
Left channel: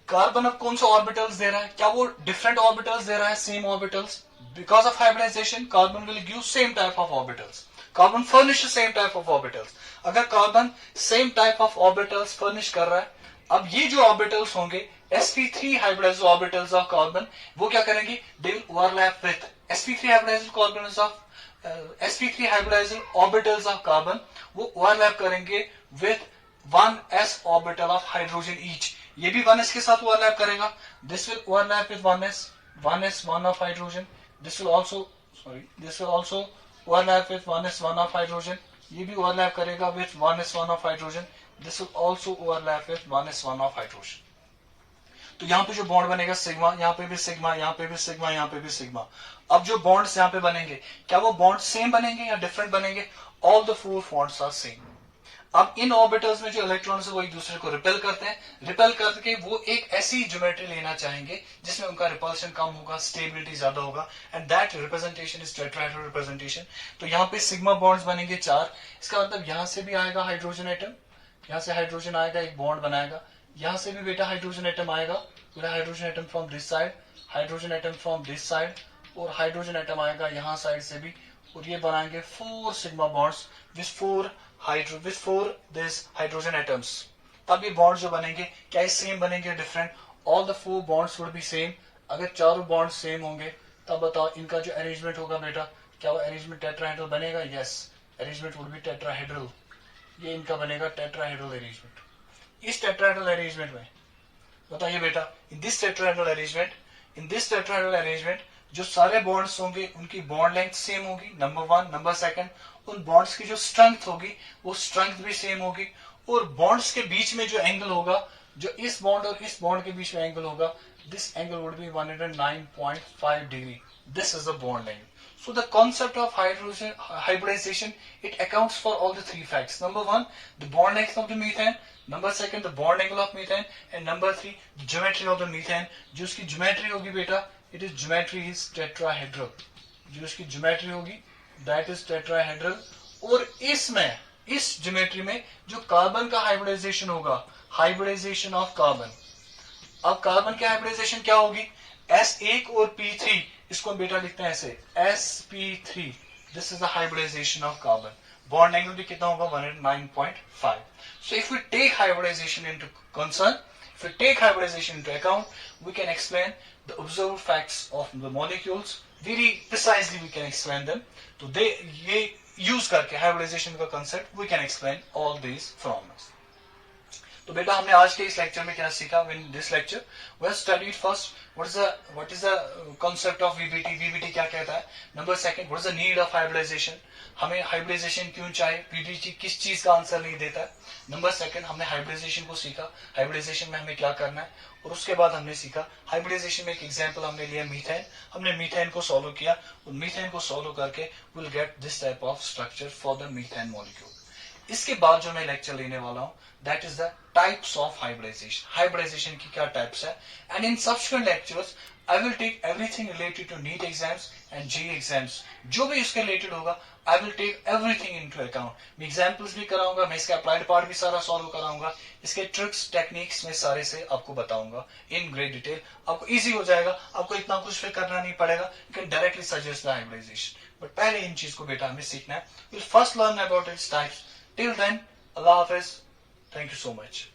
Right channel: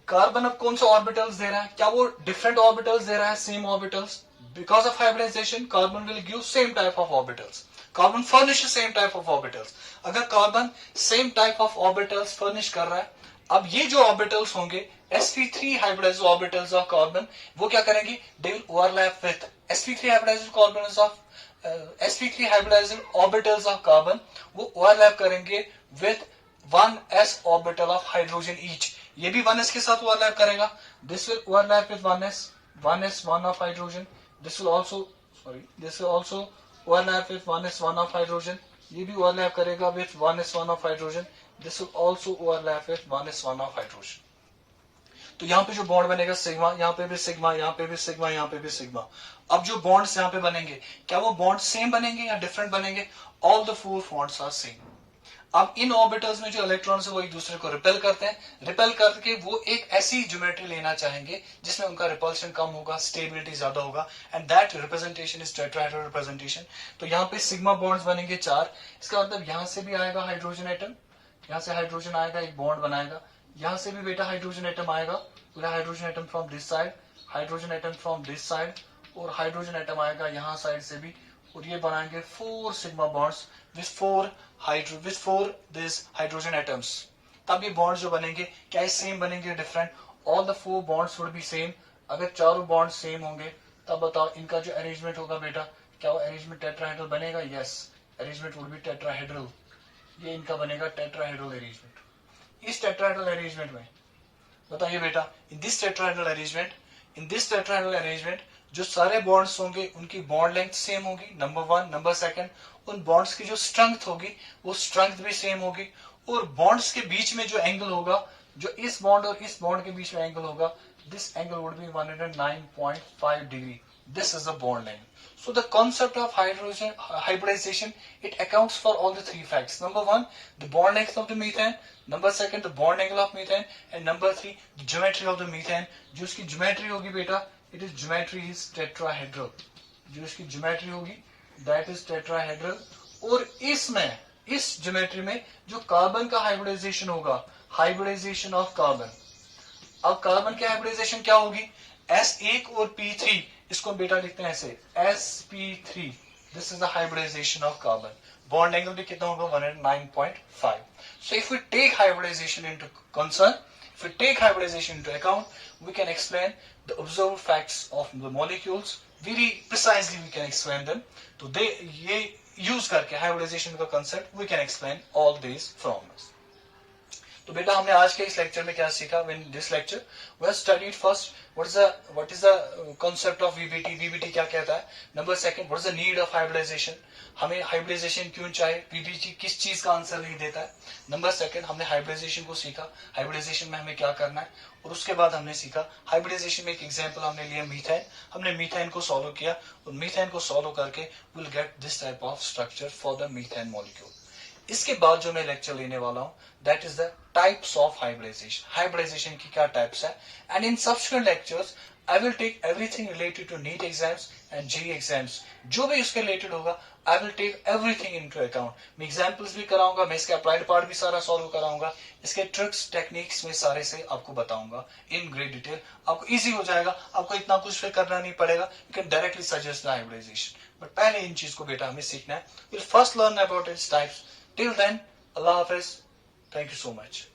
कार्बन अब कौन सा ऑर्बिटल्स दे रहा है, क्या वो डिफरेंट ऑर्बिटल्स दे रहा है, same orbitals? Because of hybridization carbon will give same type of orbitals, carbon furnish same type of orbitals. अगर carbon same type of orbitals furnish कर रहा है, अब ये जो ऑर्बिटल्स होंगे sp3 hybridized orbitals of carbon, वो क्या करेंगे, they will overlap with sp3 hybridized carbon of sp3 hybridized orbitals of carbon, वो ओवरलैप करेंगे with 1s orbital of hydrogen each, ये भी 1s के साथ ओवरलैप करेगा, this will overlap with 1s 1 of hydrogen, this will also overlap with 1s 1 of hydrogen, ये भी overlap करेगा with 1s 1 of hydrogen, this will also overlap with 1s 1 of hydrogen. तो यहाँ पे जो बॉन्ड बनेगा सिग्मा, यहाँ पे भी सिग्मा, यहाँ पे भी सिग्मा, यहाँ पे भी सिग्मा। अब जो बॉन्ड्स यहाँ पे बनेंगे, क्या वो बॉन्ड सेम बनेंगे या डिफरेंट बनेंगे? All the four bonds are same. अब इन ऑर्बिटल्स में जो इलेक्ट्रॉन्स है वो एक दूसरे को रिपेल करते हैं, रिपेल करके वो एक ऐसी ज्योमेट्री लेना चाहेंगे जिसमें उनका रिपल्शन कम होगा, स्टेबिलिटी ज्यादा होगा, and that representation is tetrahedral representation. तो यहाँ पे सिग्मा बॉन्ड्स बनेंगे 4, इसका मतलब यहाँ से भी आएगा हाइड्रोजन एटम, यहाँ से हाइड्रोजन आएगा, एक बॉन्ड बनाएगा, यहाँ से भी बेटा हाइड्रोजन एटम आएगा, hydrogen atom from this side, hydrogen atom from this side, और हाइड्रोजन एटम आएगा यहाँ साइड से भी, और ये बनाएंगे 4 sigma bonds with 4 this hydrogen atoms. तब ये बॉन्ड्स जो बनेंगे, क्या ये सेम बनेंगे different? All the 4 bonds would be same. अगर चारों बॉन्ड्स सेम होंगे तब बताओ इनका जो अरेंजमेंट होगा बेटा, क्या वो अरेंजमेंट टेट्राहेड्रल बनेगा? Yes, arrangement would be tetrahedral, ये इनका बनेगा टेट्राहेड्रल अरेंजमेंट। इस टेट्राहेड्रल अरेंजमेंट में बताइए बेटा, इन दिस टेट्राहेड्रल अरेंजमेंट जो सारे बॉन्ड्स होंगे उनकी बॉन्ड लेंथ सेम होगी, नंबर 1। नंबर 2, उन बॉन्ड्स की जो स्ट्रेंथ होगी वो स्ट्रेंथ भी सेम होगी, और बॉन्ड्स के बीच में जो एंगल होगा, जो इस बॉन्ड और इस बॉन्ड के बीच में एंगल होगा, this angle would B 109.5 degree, this is the bond length. So the concept of hybridization, it accounts for all the 3 facts. Number 1, the bond length of the methane. Number 2, the bond angle of methane. And number 3, the geometry of the methane. जो इसकी geometry होगी बेटा, it is geometry is tetrahedral. जो इसकी geometry होगी, that is tetrahedral. और इसमें, इस geometry में जो कार्बन का hybridization होगा, hybridization of carbon. अब कार्बन की हाइब्रिडाइजेशन क्या होगी? S1 और P3, इसको बेटा लिखते हैं ऐसे, sp3, this is the hybridization of carbon. Bond angle भी कितना होगा? 109.5। So if we take hybridization into concern, if we take hybridization into account, we can explain the observe facts of the molecules very precisely, we can explain them. तो दे ये use करके hybridization का concept we can explain all these formulas. तो बेटा हमने आज के इस लेक्चर में क्या सीखा? In this lecture we have studied first what is the concept of VBT, VBT क्या कहता है। Number 2, what is the need of hybridization, हमें हाइब्रिडाइजेशन क्यों चाहिए, वीबीटी किस चीज का आंसर नहीं देता है। नंबर 2, हमने हाइब्रिडाइजेशन को सीखा, हाइब्रिडाइजेशन में हमें क्या करना है, और उसके बाद हमने सीखा हाइब्रिडाइजेशन में एक एग्जाम्पल हमने लिया मीथेन, हमने मीथेन को सॉल्व किया, और मीथेन को सॉल्व करके will get this type of structure for the methane molecule. इसके बाद जो मैं लेक्चर लेने वाला हूं, that is the types of hybridization, hybridization की क्या टाइप्स है। And in subsequent lectures I will take everything related to NEET exams and JEE exams, जो भी इसके रिलेटेड होगा I will take everything into account. मैं एग्जांपल्स भी कराऊंगा, मैं इसका अप्लाइड पार्ट भी सारा सॉल्व कराऊंगा, इसके ट्रिक्स टेक्निक्स में सारे से आपको बताऊंगा इन ग्रेट डिटेल। आपको इजी हो जाएगा, आपको इतना कुछ फिर करना नहीं पड़ेगा, you can directly suggest the hybridization. But पहले इन चीज को बेटा हमें सीखना है। Will first learn about its types. Till then, अल्लाह हाफिज, थैंक यू सो मच।